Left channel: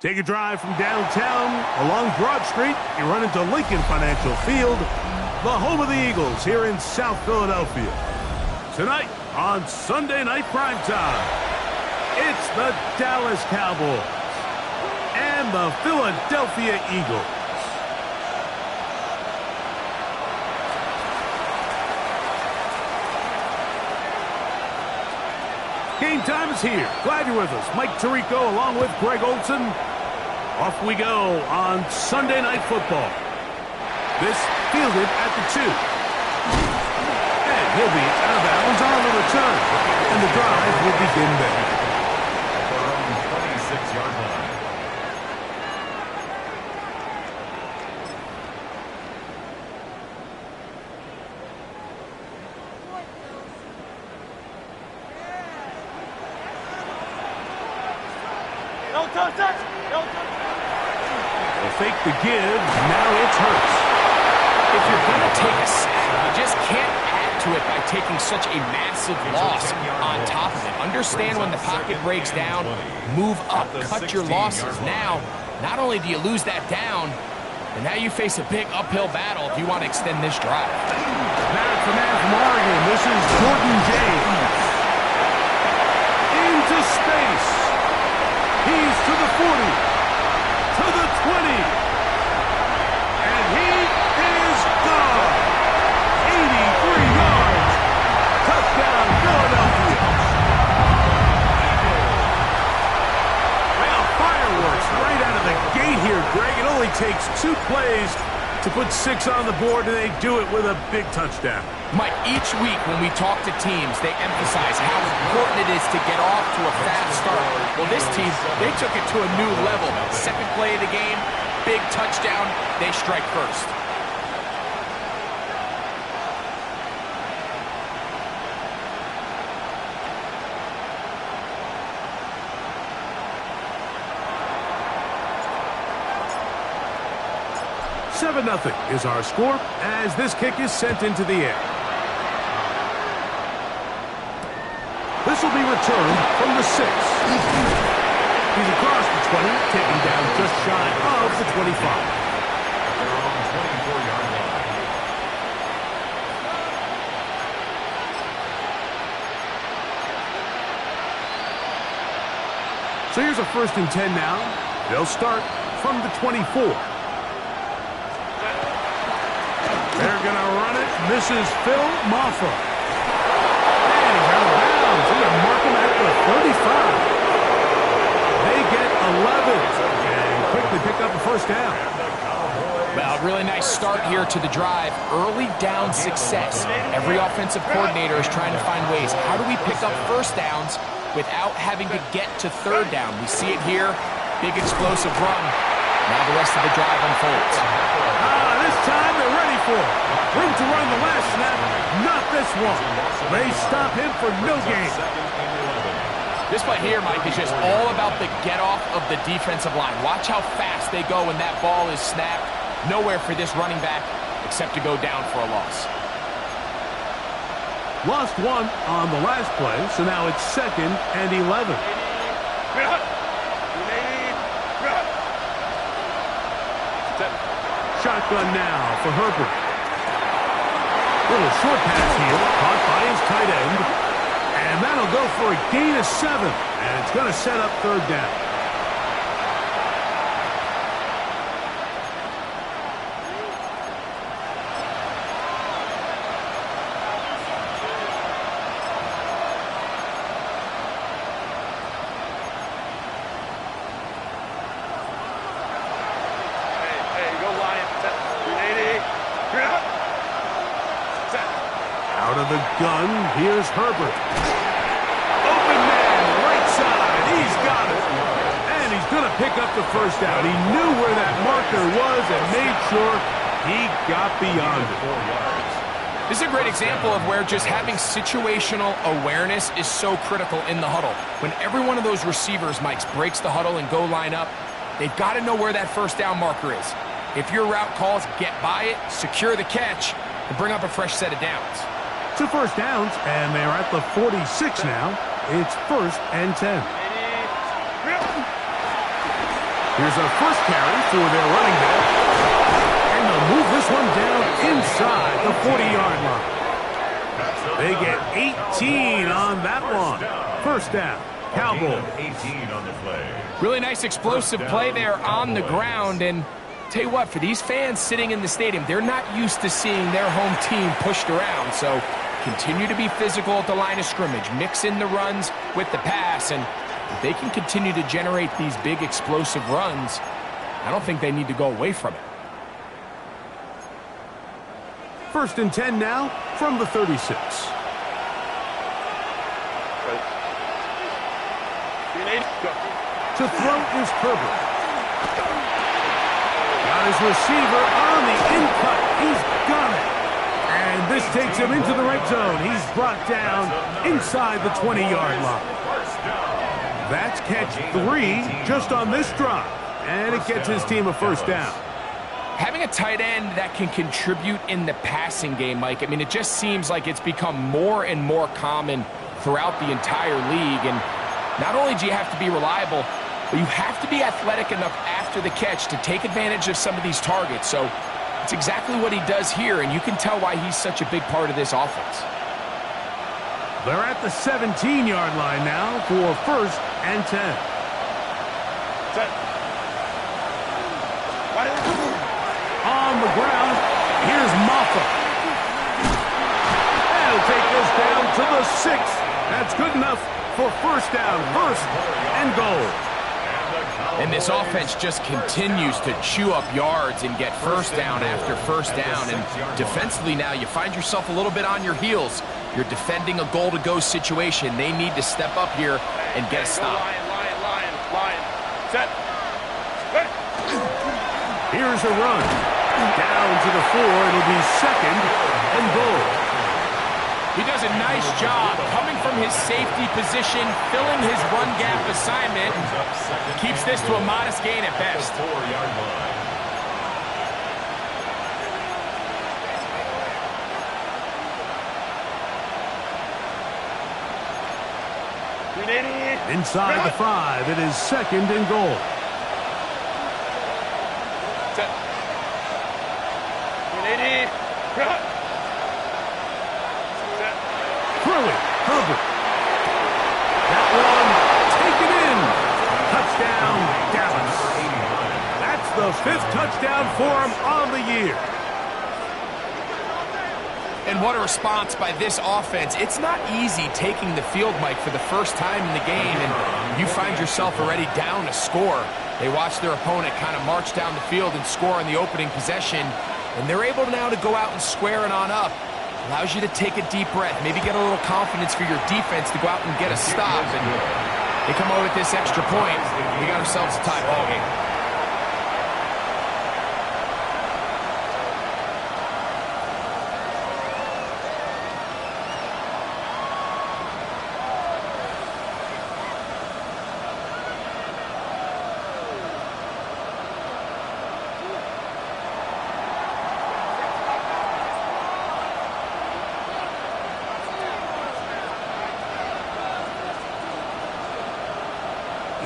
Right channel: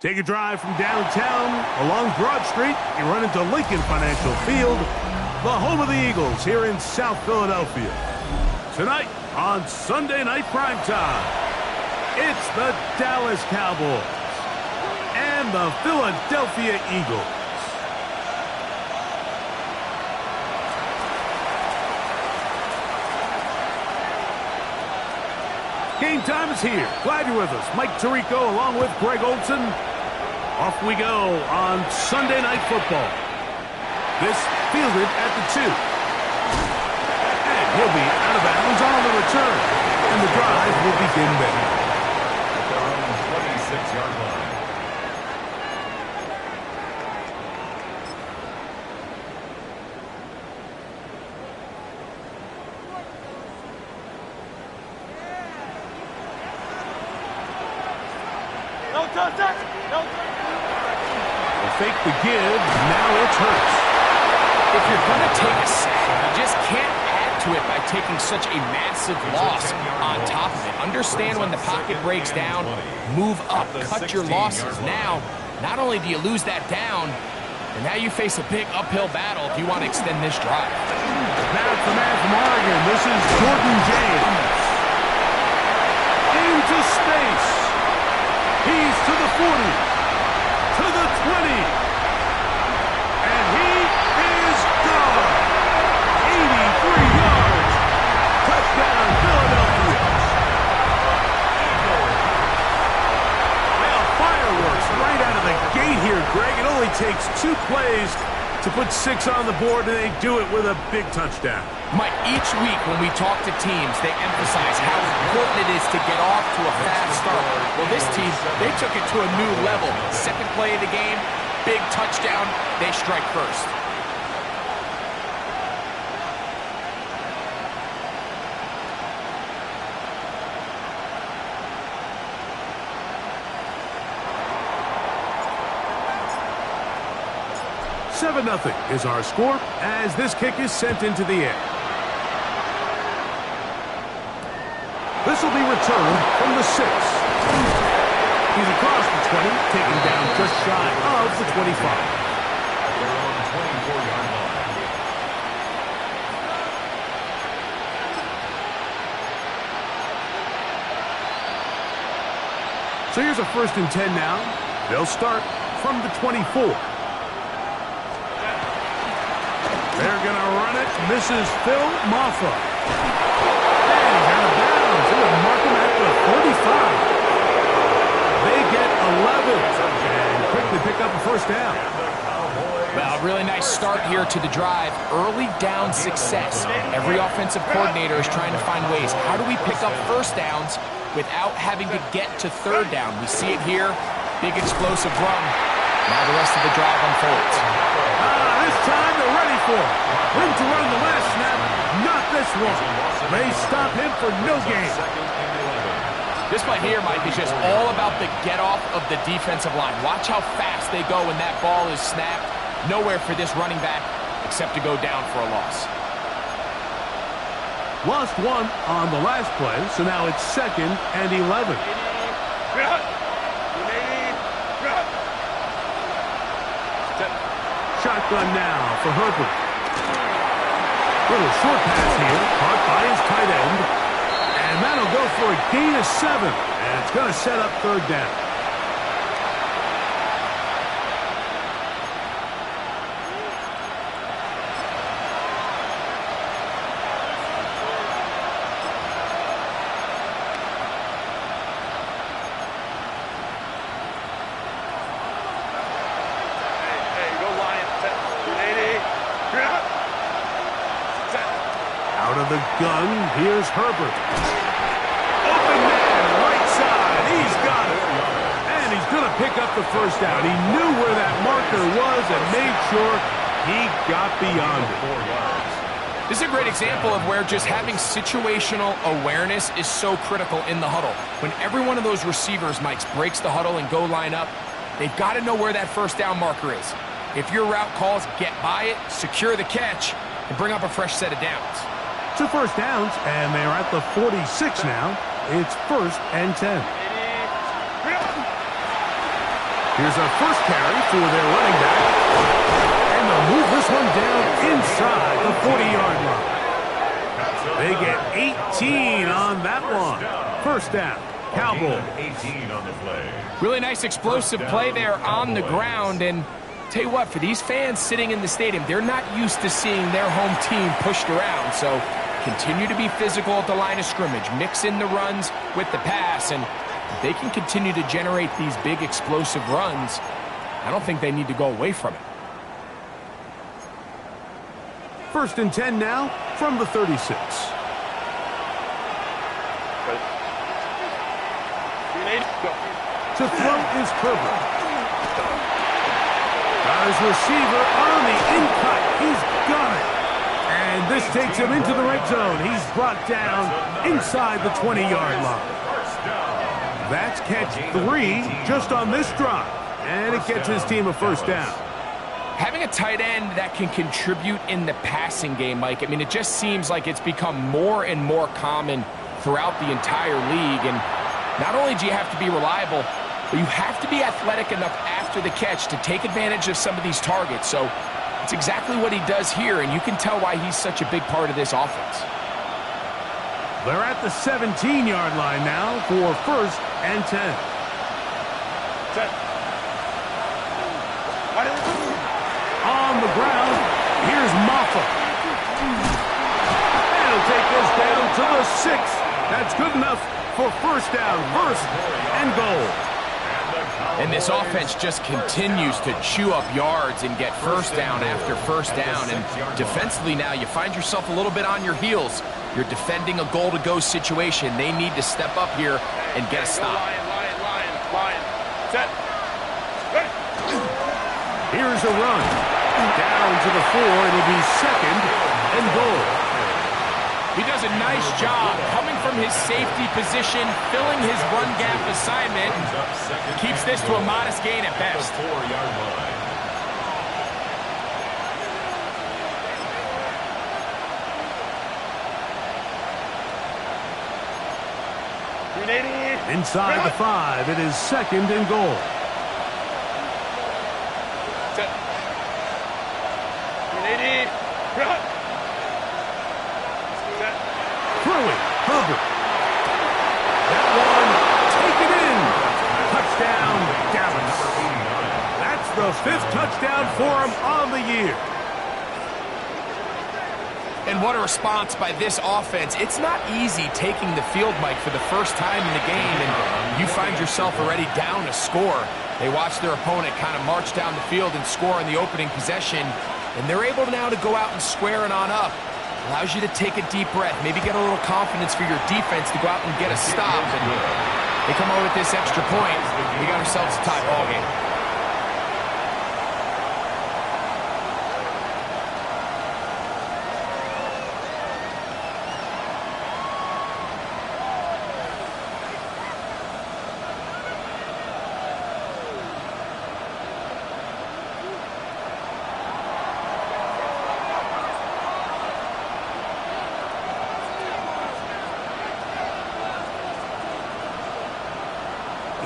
Take a drive from downtown along Broad Street. You run into Lincoln Financial Field, the home of the Eagles here in South Philadelphia. Tonight on Sunday Night Primetime, it's the Dallas Cowboys and the Philadelphia Eagles. Game time is here. Glad you're with us. Mike Tirico along with Greg Olson. Off we go on Sunday Night Football. This fielded at the 2. And he'll be out of bounds on the return. And the drive will begin there. At their own 26-yard line. They'll fake the give. Now it's Hurts. If you're going to take a sack, you just can't add to it by taking such a massive loss on top of it. Understand when the pocket breaks down, move up, cut your losses. Now, not only do you lose that down, but now you face a big uphill battle if you want to extend this drive. Snap from Oregon. This is Jordan James. Into space. He's to the 40, to the 20, and he is gone. 83 yards. Touchdown, Philadelphia. Well, fireworks right out of the gate here, Greg. It only takes 2 plays to put 6 on the board, and they do it with a big touchdown. Mike, each week when we talk to teams, they emphasize how important it is to get off to a fast start. Well, this team, they took it to a new level. Second play of the game, big touchdown, they strike first. Nothing is our score as this kick is sent into the air. This will be returned from the 6. He's across the 20, taken down just shy of the 25. At their own 24-yard line. So here's a 1st and 10 now. They'll start from the 24. They're going to run it. This is Phil Maffa. And he's out of bounds. They're going to mark him at the 35. They get 11 and quickly pick up a 1st down. And the Cowboys Well, really nice start here to the drive. Early down success. Every offensive coordinator is trying to find ways. How do we pick up first downs without having to get to third down? We see it here. Big explosive run. Now the rest of the drive unfolds. This time they're ready for it. Room to run the last snap. Not this one. They stop him for no gain. This play here, Mike, is just all about the get-off of the defensive line. Watch how fast they go when that ball is snapped. Nowhere for this running back except to go down for a loss. Lost one on the last play, so now it's 2nd and 11. Shotgun now for Herbert. Little short pass here, caught by his tight end. And that'll go for a gain of 7. And it's going to set up third down. Out of the gun, here's Herbert. Open man, right side, he's got it. And he's going to pick up the first down. He knew where that marker was and made sure he got beyond it. This is a great example of where just having situational awareness is so critical in the huddle. When every one of those receivers, Mike, breaks the huddle and go line up, they've got to know where that first down marker is. If your route calls, get by it, secure the catch, and bring up a fresh set of downs. 2 first downs, and they're at the 46 now. It's 1st and 10. Here's a first carry for their running back. And they'll move this one down inside the 40-yard line. They get 18 on that one. First down, Cowboys. 18 on the play. Really nice explosive play there on the ground, and tell you what, for these fans sitting in the stadium, they're not used to seeing their home team pushed around, so continue to be physical at the line of scrimmage, mix in the runs with the pass, and if they can continue to generate these big explosive runs, I don't think they need to go away from it. 1st and 10 now from the 36. To throw is Herbert. Got his receiver on the in-cut. He's got it. And this takes him into the red zone. He's brought down inside the 20-yard line. That's catch 3 just on this drive. And it gets his team a first down. Having a tight end that can contribute in the passing game, Mike, I mean, it just seems like it's become more and more common throughout the entire league. And not only do you have to be reliable, but you have to be athletic enough after the catch to take advantage of some of these targets. So it's exactly what he does here, and you can tell why he's such a big part of this offense. They're at the 17-yard line now for 1st and 10. Set. On the ground, here's Maffa. And he'll take this down to the 6th. That's good enough for first down, 1st and goal. And this offense just continues to chew up yards and get first down after first down. And defensively now, you find yourself a little bit on your heels. You're defending a goal-to-go situation. They need to step up here and get a stop. Line. Set. Ready. Here's a run. Down to the 4. It'll be 2nd and goal. He does a nice job coming from his safety position, filling his run gap assignment, and keeps this to a modest gain at best. 4-yard line. Inside the 5, it is 2nd and goal. Set. Throwing, Herbert. That one, taken in. Touchdown, Dallas. That's the 5th touchdown for him on the year. And what a response by this offense. It's not easy taking the field, Mike, for the first time in the game, and you find yourself already down a score. They watch their opponent kind of march down the field and score in the opening possession, and they're able now to go out and square it on up. Allows you to take a deep breath, maybe get a little confidence for your defense to go out and get a stop. And they come away with this extra point. We got ourselves a tie ball game.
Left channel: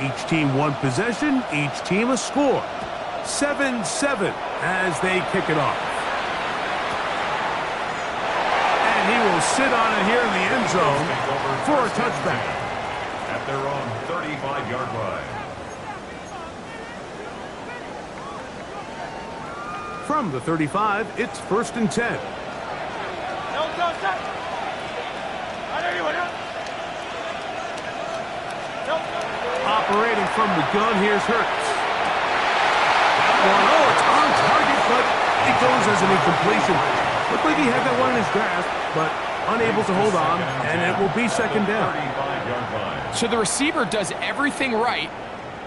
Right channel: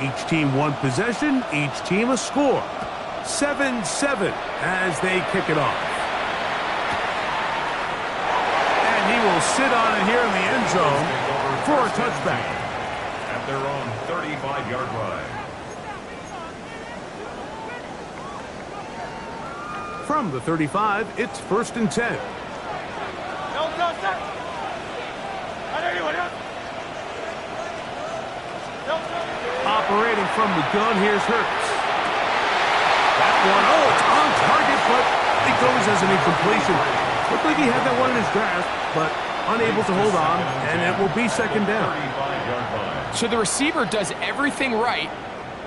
Each team one possession, each team a score. 7-7 as they kick it off. And he will sit on it here in the end zone for a touchback. At their own 35-yard line. From the 35, it's 1st and 10. Operating from the gun, here's Hurts. That one, oh, it's on target, but it goes as an incompletion. Looked like he had that one in his grasp, but unable to hold on, and it will be 2nd down. So the receiver does everything right,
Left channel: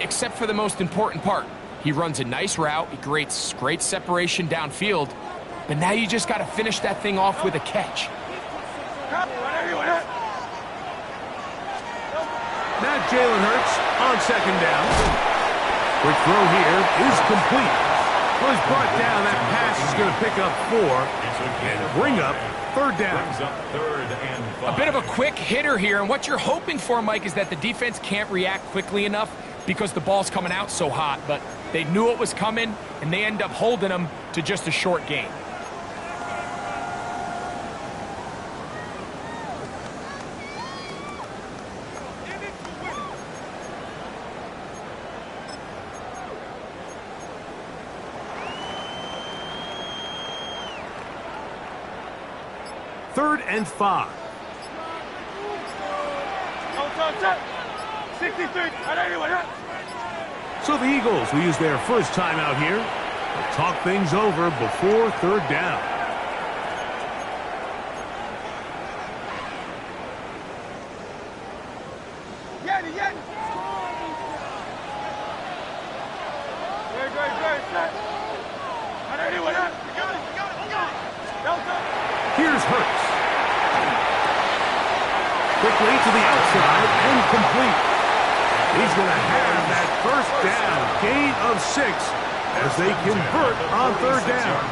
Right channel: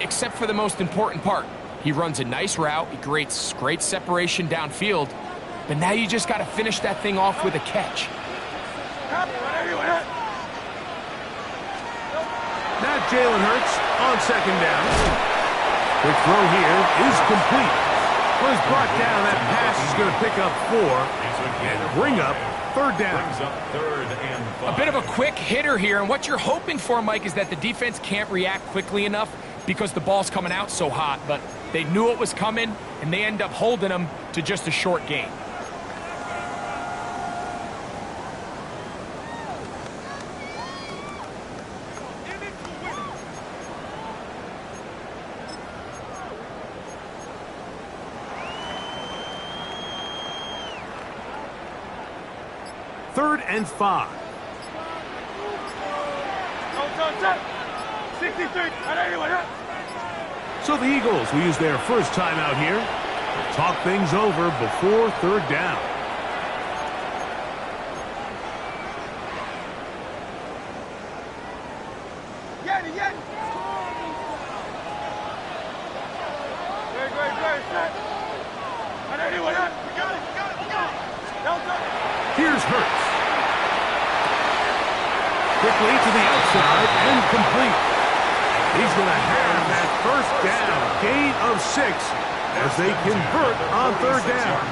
except for the most important part. He runs a nice route, he creates great separation downfield, but now you just got to finish that thing off with a catch. Now Jalen Hurts on 2nd down. Quick throw here is complete. Well, he's brought down. That pass is going to pick up 4 and bring up 3rd down. A bit of a quick hitter here, and what you're hoping for, Mike, is that the defense can't react quickly enough because the ball's coming out so hot, but they knew it was coming, and they end up holding them to just a short gain. Third and 5. 63. So the Eagles will use their first timeout here. They'll talk things over before 3rd down. Here's Hurts. Quickly to the outside and complete. He's going to have that 1st down, gain of 6 as they convert on 3rd down.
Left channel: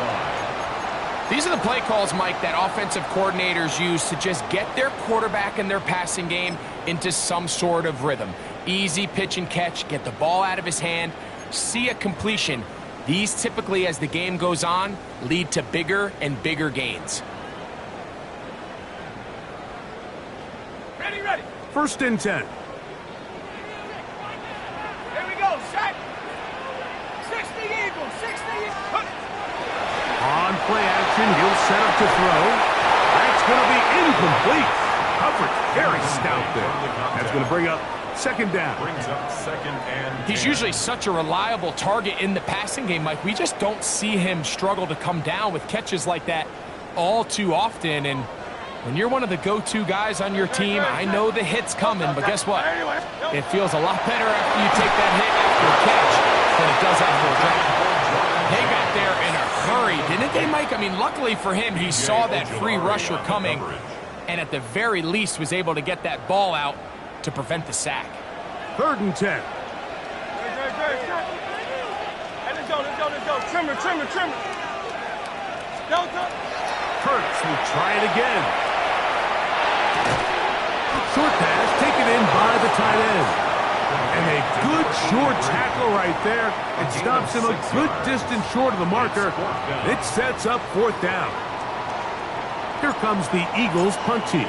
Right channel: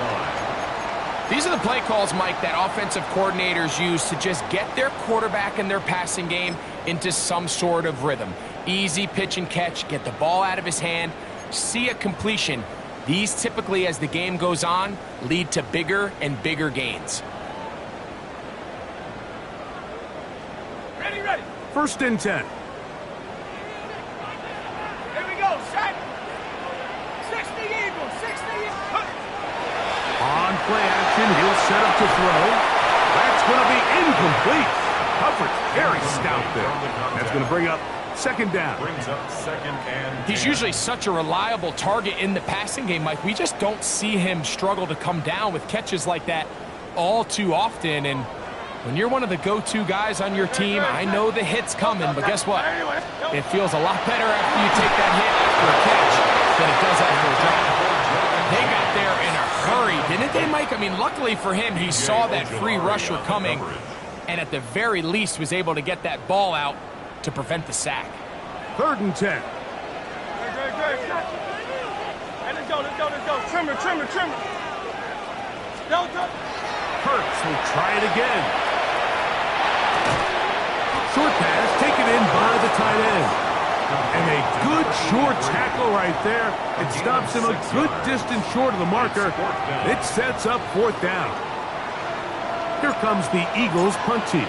These are the play calls, Mike, that offensive coordinators use to just get their quarterback and their passing game into some sort of rhythm. Easy pitch and catch, get the ball out of his hand, see a completion. These typically, as the game goes on, lead to bigger and bigger gains. Ready. 1st and 10. Here we go. Set. 60 Eagles. 60 Eagles. On play action, he'll set up to throw. That's going to be incomplete. Coverage very stout there. That's going to bring up 2nd down. Brings up 2nd and 10. He's usually such a reliable target in the passing game, Mike. We just don't see him struggle to come down with catches like that all too often. And when you're one of the go-to guys on your team, I know the hit's coming, but guess what? It feels a lot better after you take that hit after a catch than it does after a drop. They got there in a hurry, didn't they, Mike? I mean, luckily for him, he saw that free rusher coming, and at the very least was able to get that ball out to prevent the sack. 3rd and 10. Hey, let's go. Trimmer. Delta. Hurts will try it again. Short pass taken in by the tight end. And a good short tackle right there. It stops him a good distance short of the marker. It sets up 4th down. Here comes the Eagles punt team.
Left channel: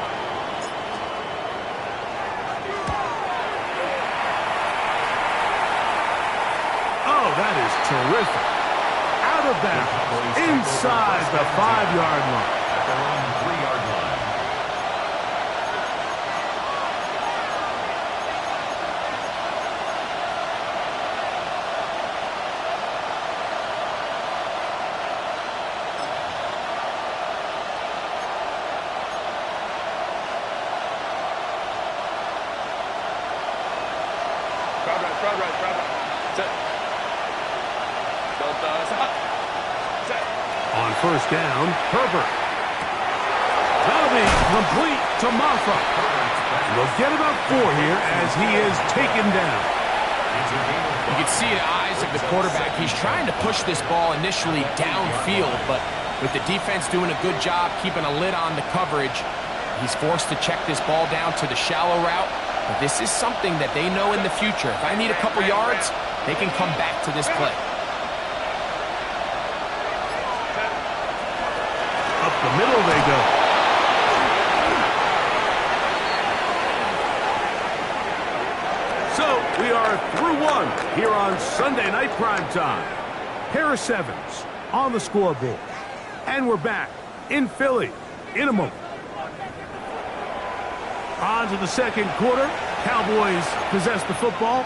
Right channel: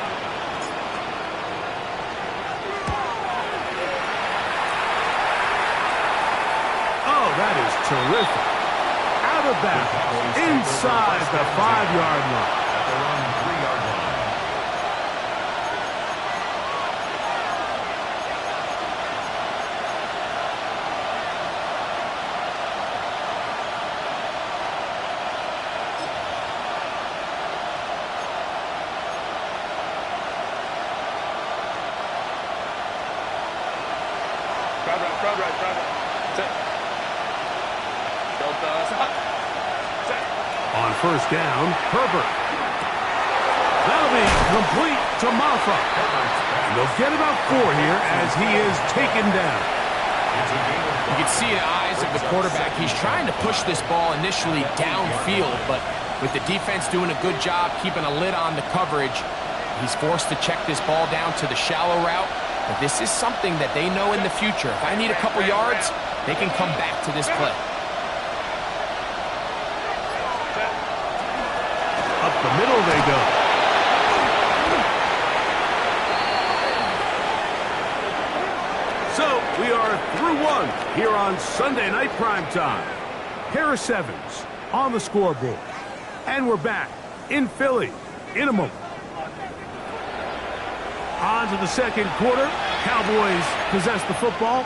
Oh, that is terrific. Out of bounds, inside the 5-yard line. At their own 3-yard line. On first down, Herbert. That'll be complete to Maffa. And they'll get about 4 here as he is taken down. You can see in the eyes of the quarterback, he's trying to push this ball initially downfield, but with the defense doing a good job keeping a lid on the coverage, he's forced to check this ball down to the shallow route. But this is something that they know in the future. If I need a couple yards, they can come back to this play. Up the middle they go. So we are through 1 here on Sunday Night Primetime. Harris Evans on the scoreboard. And we're back in Philly in a moment. On to the second quarter. Cowboys possess the football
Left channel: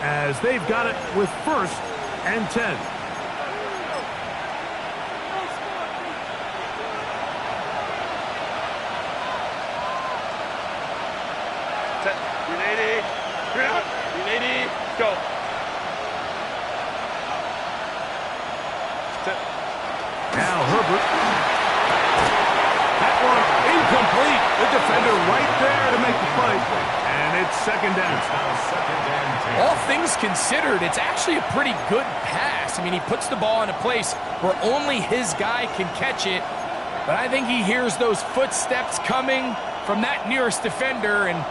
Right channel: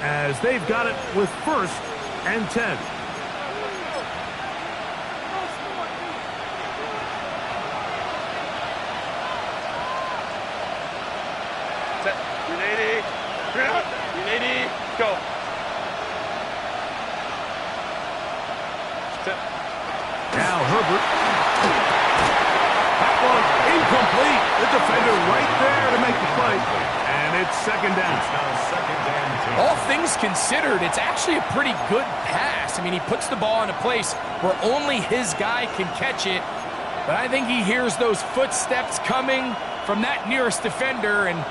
as they've got it with 1st and 10. Set. 380. 380. Go. Set. Now Herbert. That one incomplete. The defender right there to make the play. And it's 2nd down. It's now 2nd and 10. All things considered, it's actually a pretty good pass. I mean, he puts the ball in a place where only his guy can catch it. But I think he hears those footsteps coming from that nearest defender, and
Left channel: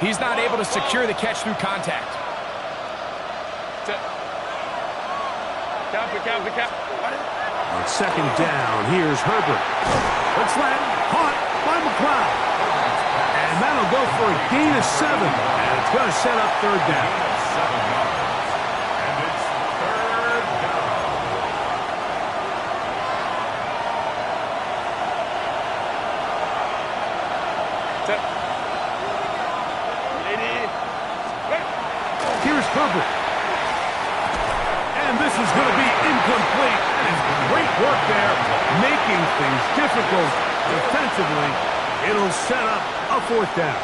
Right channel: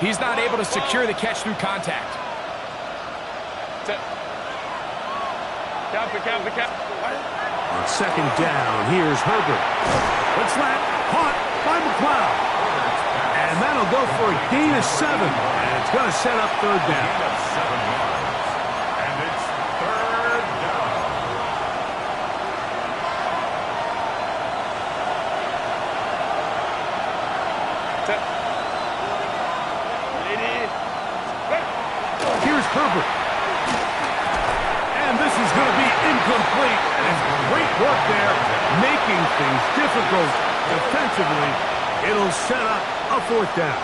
he's not able to secure the catch through contact. Count. On 2nd down, here's Herbert. Let's let caught by McLeod. And that'll go for a gain of 7. And it's going to set up 3rd down. Gain of 7 yards. And it's 3rd down. Set. 80. Here's Herbert. And this is going to be incomplete. That is great work there, making things difficult defensively. It'll set up a 4th down.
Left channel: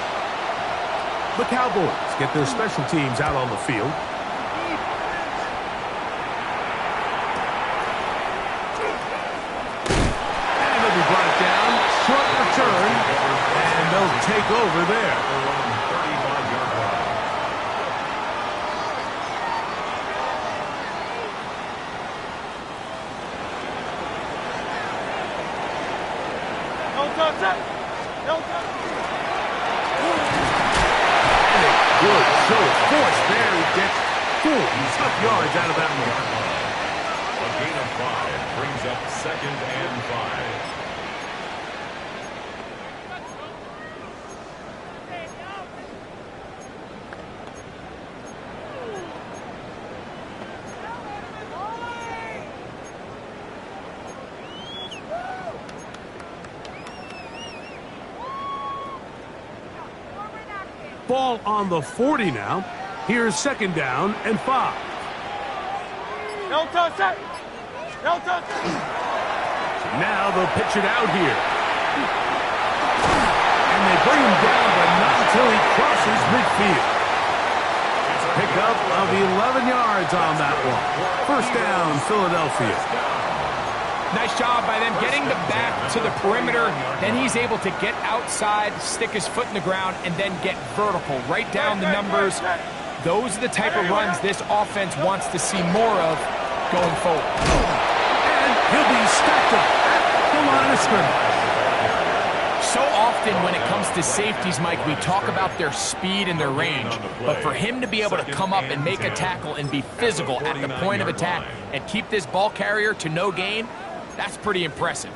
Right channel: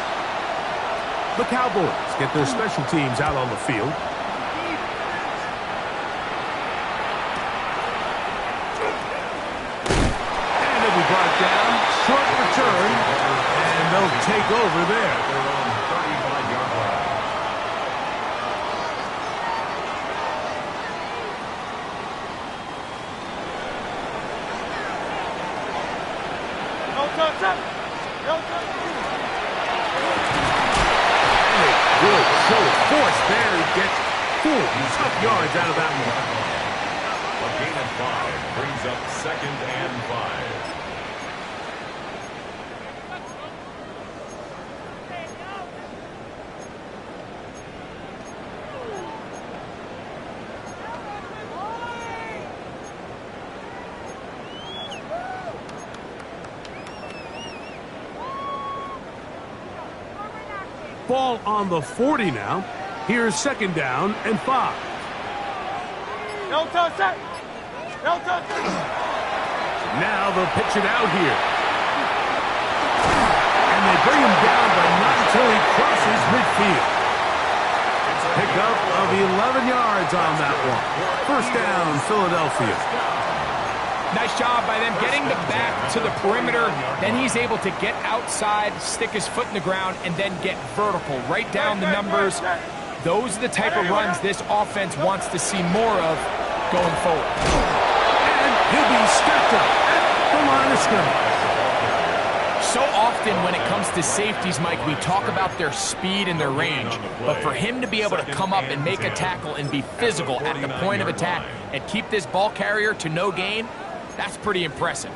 The Cowboys get their special teams out on the field. And it'll be brought down. Short return. And they'll take over there. They're on 35-yard line. And a good show of force there. He gets 4 tough yards out of that one. A gain of 5 brings up 2nd and 5. Ball on the 40 now. Here's 2nd down and 5. Now they'll pitch it out here. And they bring him down, but not until he crosses midfield. Pickup of 11 yards on that one. 1st down, Philadelphia. Nice job by them getting the back to the perimeter. Then he's able to get outside, stick his foot in the ground, and then get vertical. Right down the numbers. Those are the type of runs this offense wants to see more of going forward. And he'll be stacked up at the line of scrimmage. So often when it comes to safeties, Mike, we talk about their speed and their range. But for him to be able to come up and make a tackle and be physical at the point of attack and keep this ball carrier to no gain, that's pretty impressive.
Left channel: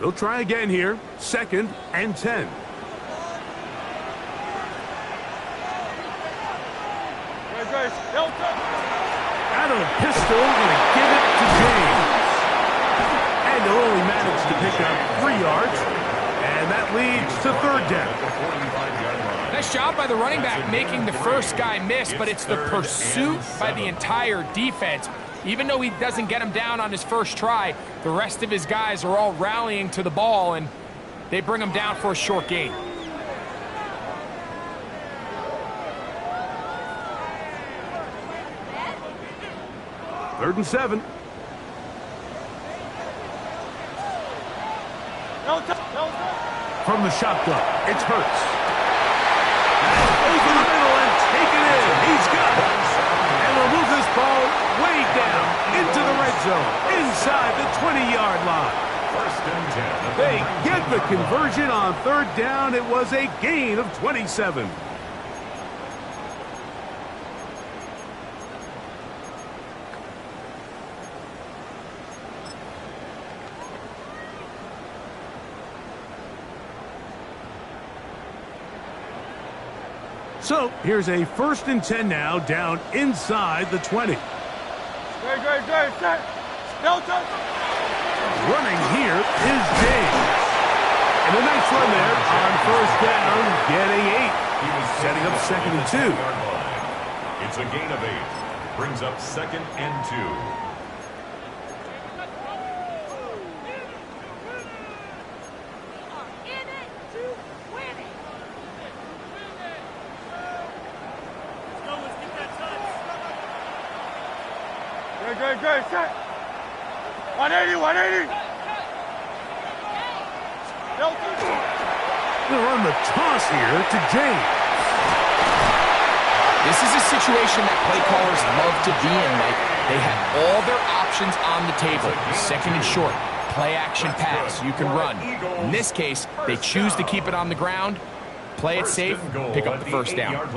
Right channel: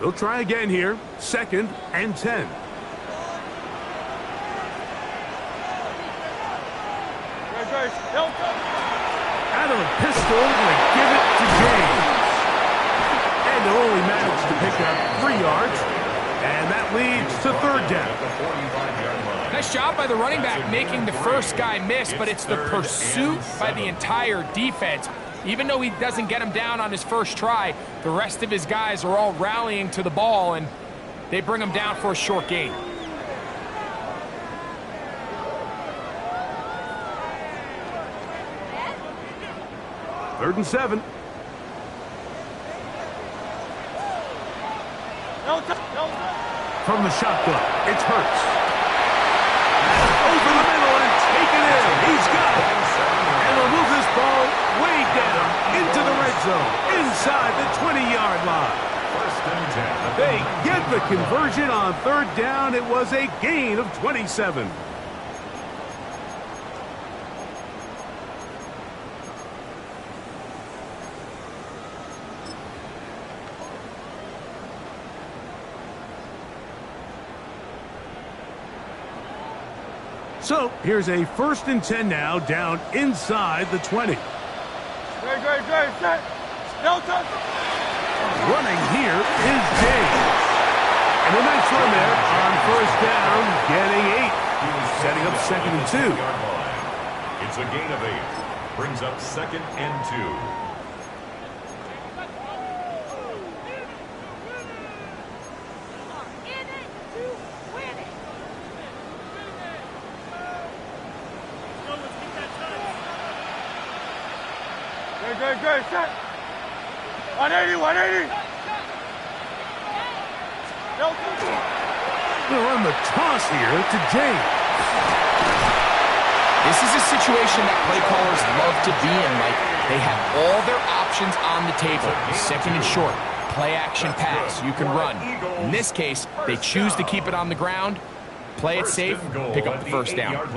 They'll try again here. 2nd and 10. Out of the pistol, going to give it to James. And they'll only manage to pick up 3 yards. And that leads to 3rd down. Nice job by the running back making the first guy miss, but it's the pursuit by the entire defense. Even though he doesn't get him down on his first try, the rest of his guys are all rallying to the ball, and they bring him down for a short gain. 3rd and 7. From the shotgun, it's Hurts. Over the middle and take it in. He's got it. And they'll move this ball way down into the red zone, inside the 20-yard line. 1st and 10. They get the conversion on 3rd down. It was a gain of 27. So here's a 1st and 10 now, down inside the 20. Great, set. Delta. Running here is James. And a nice run there on 1st down, getting 8. Setting up 2nd and 2. It's a gain of 8. Brings up 2nd and 2. Great, set. 180. They'll run the toss here to James. This is a situation that play callers love to be in, Mike. They have all their options on the table. 2nd and short, play action pass, you can run. In this case, they choose to keep it on the ground, play it safe, pick up the 1st down.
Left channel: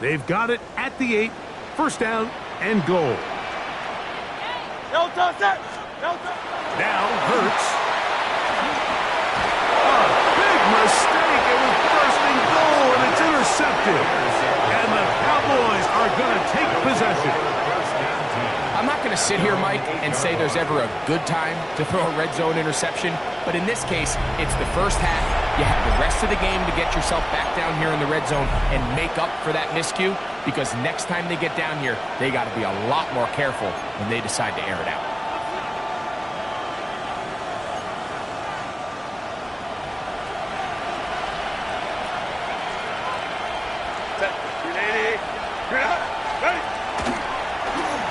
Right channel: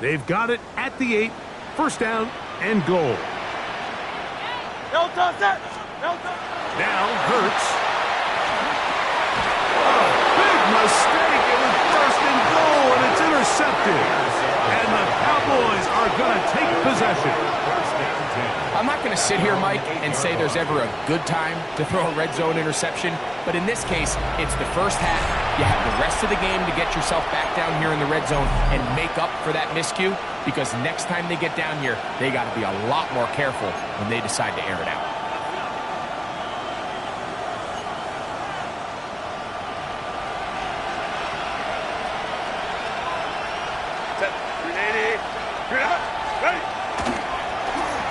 They've got it at the 8, 1st down and goal. Delta, set. Delta. Now Hurts. A big mistake. It was 1st and goal, and it's intercepted. And the Cowboys are going to take possession. I'm not going to sit here, Mike, and say there's ever a good time to throw a red zone interception, but in this case, it's the 1st half. You have the rest of the game to get yourself back down here in the red zone and make up for that miscue, because next time they get down here, they got to be a lot more careful when they decide to air it out.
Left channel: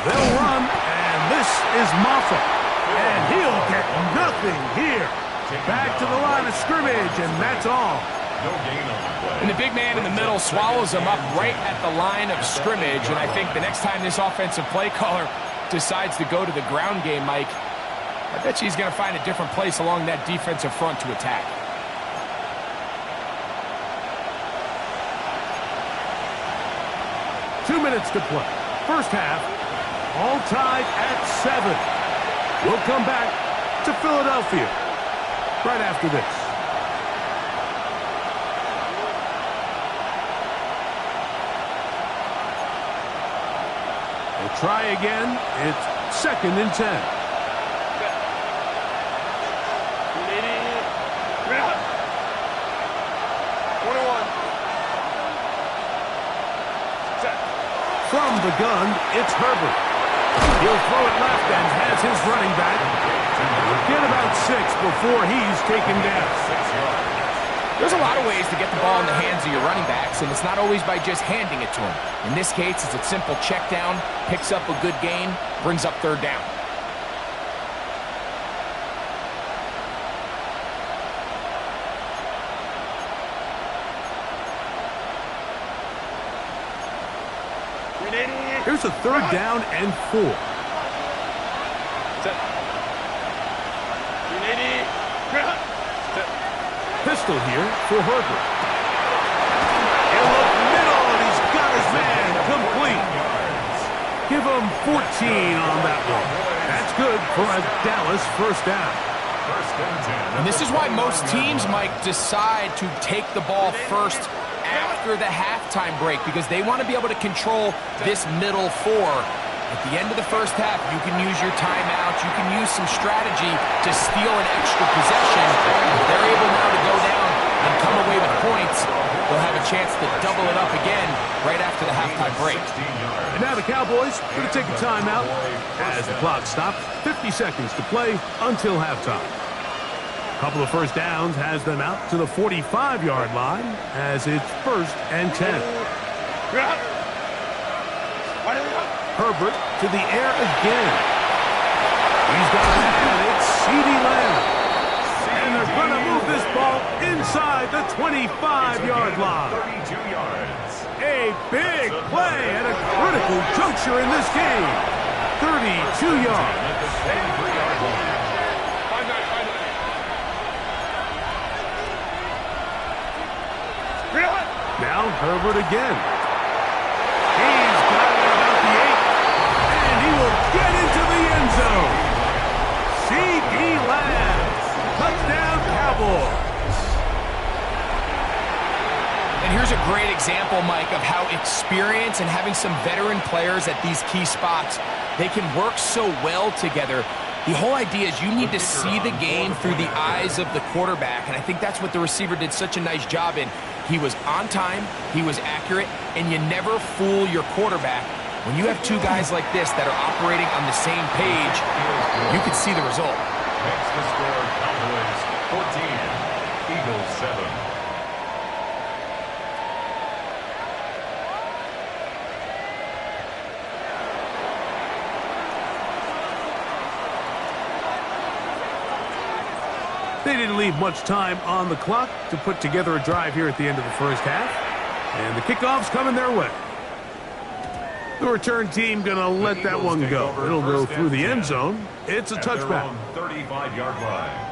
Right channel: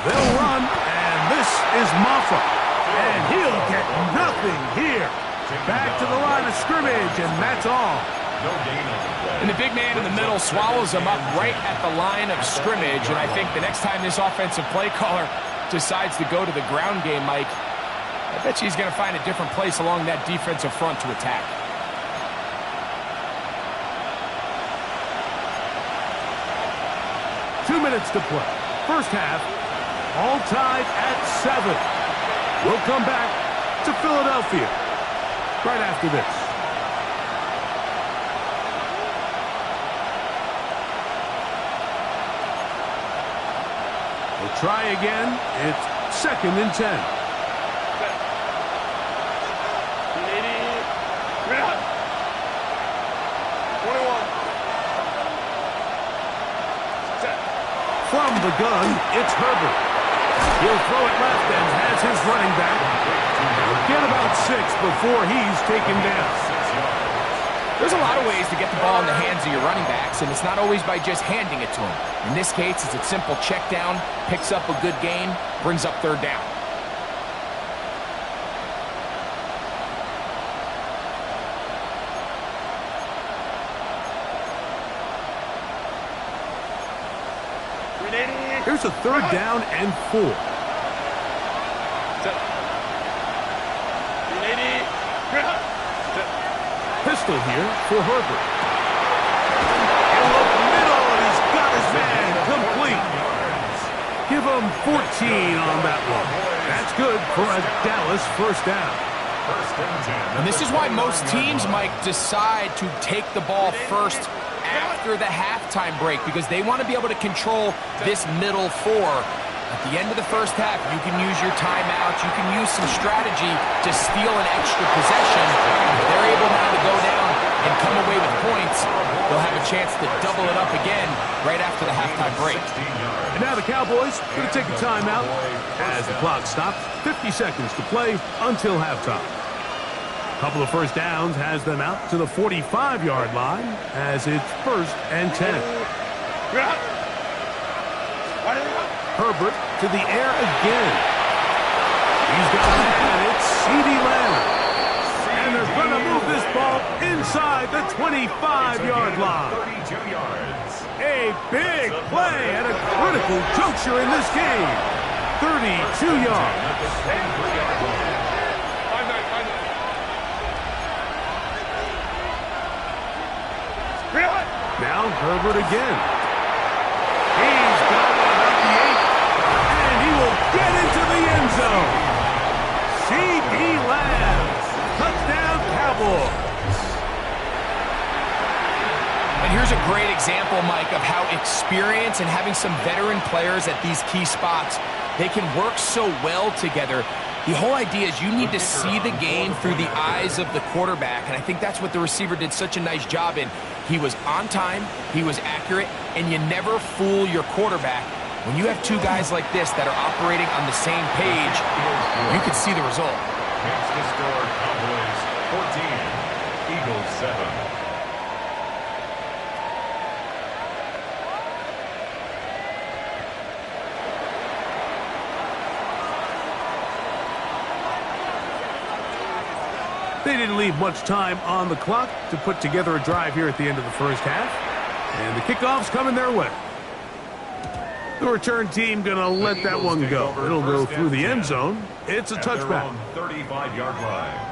They'll run, and this is Maffa. And he'll get nothing here. Back to the line of scrimmage, and that's all. No gain on the play. And the big man in the middle swallows him up right at the line of scrimmage. And I think the next time this offensive play caller decides to go to the ground game, Mike, I bet you he's going to find a different place along that defensive front to attack. Two minutes to play. 1st half, all tied at 7. We'll come back to Philadelphia right after this. We'll try again. It's 2nd and 10. From the gun, it's Herbert. He'll throw it left and has his running back. Get about 6 before he's taken down. 6 yards. There's a lot of ways to get the ball in the hands of your running backs, and it's not always by just handing it to them. In this case, it's a simple check down, picks up a good gain, brings up 3rd down. Here's a 3rd down and 4. Pistol here for Herbert. In the middle, and he's got his man complete. Give him 14 on that one. That's good for a Dallas 1st down. 1st and 10. And this is why most teams, Mike, decide to take the ball first after the halftime break, because they want to be able to control this middle 4. At the end of the 1st half, you can use your timeout, you can use some strategy to steal an extra possession. If they're able now to go down and come away with points, they'll have a chance to double it up again right after the halftime break. And now the Cowboys going to take a timeout as the clock stops. 50 seconds to play until halftime. Couple of 1st downs has them out to the 45-yard line as it's 1st and 10. Herbert to the air again. He's got a man. It's CeeDee Lamb. And they're going to move this ball inside the 25-yard line. 32 yards. A big play at a critical juncture in this game. 32 yards. At the 23-yard line. Now Herbert again. He's got it at about the 8. And he will get into the end zone. CeeDee Lamb. Touchdown, Cowboys. And here's a great example, Mike, of how experience and having some veteran players at these key spots, they can work so well together. The whole idea is you need to see the game through the eyes of the quarterback, and I think that's what the receiver did such a nice job in. He was on time, he was accurate, and you never fool your quarterback. When you have two guys like this that are operating on the same page, you can see the result. Makes the score Cowboys 14, Eagles 7. They didn't leave much time on the clock to put together a drive here at the end of the first half. And the kickoff's coming their way. The return team going to let that one go. It'll go through the end zone. It's a touchback. 35-yard line.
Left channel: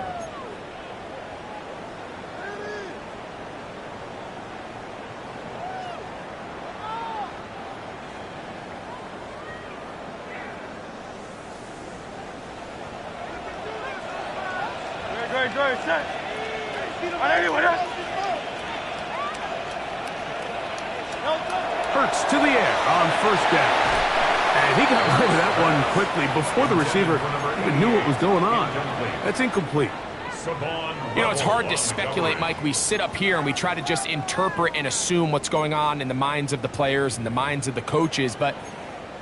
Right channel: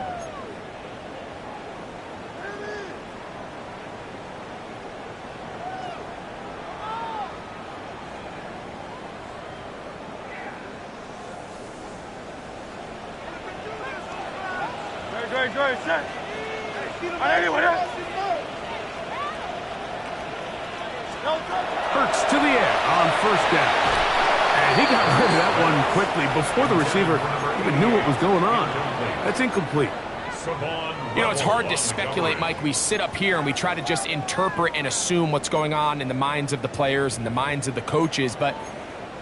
Great, set. Hurts to the air on first down. And he got rid of that one quickly before the receiver even knew what was going on. That's incomplete. You know, it's hard to speculate, Mike. We sit up here and we try to just interpret and assume what's going on in the minds of the players and the minds of the coaches, but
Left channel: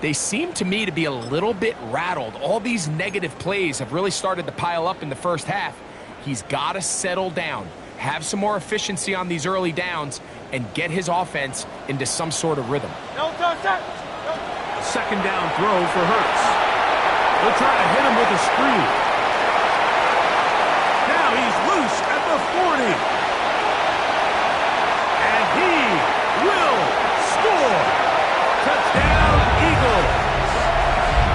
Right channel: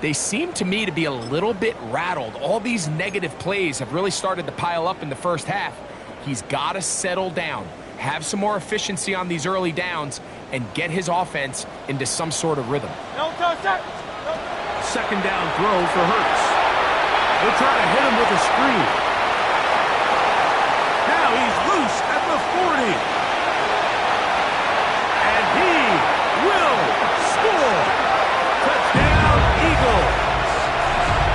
they seem to me to be a little bit rattled. All these negative plays have really started to pile up in the first half. He's got to settle down, have some more efficiency on these early downs, and get his offense into some sort of rhythm. A second down throw for Hurts. They'll try to hit him with a screen. Now he's loose at the 40. And he will score. Touchdown, Eagles.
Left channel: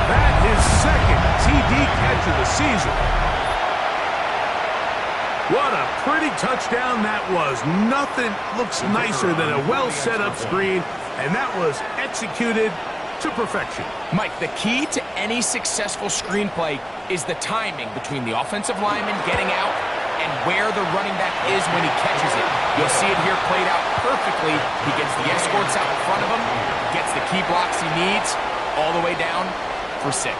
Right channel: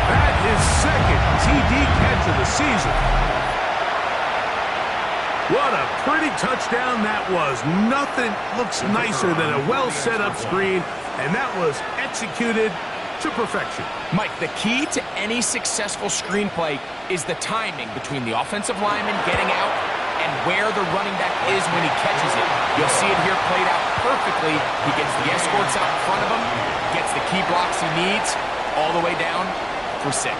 That is second TD catch of the season. What a pretty touchdown that was. Nothing looks nicer than a well-set-up screen, and that was executed to perfection. Mike, the key to any successful screenplay is the timing between the offensive lineman getting out and where the running back is when he catches it. You'll see it here played out perfectly. He gets the escorts out in front of him, gets the key blocks he needs, all the way down for 6.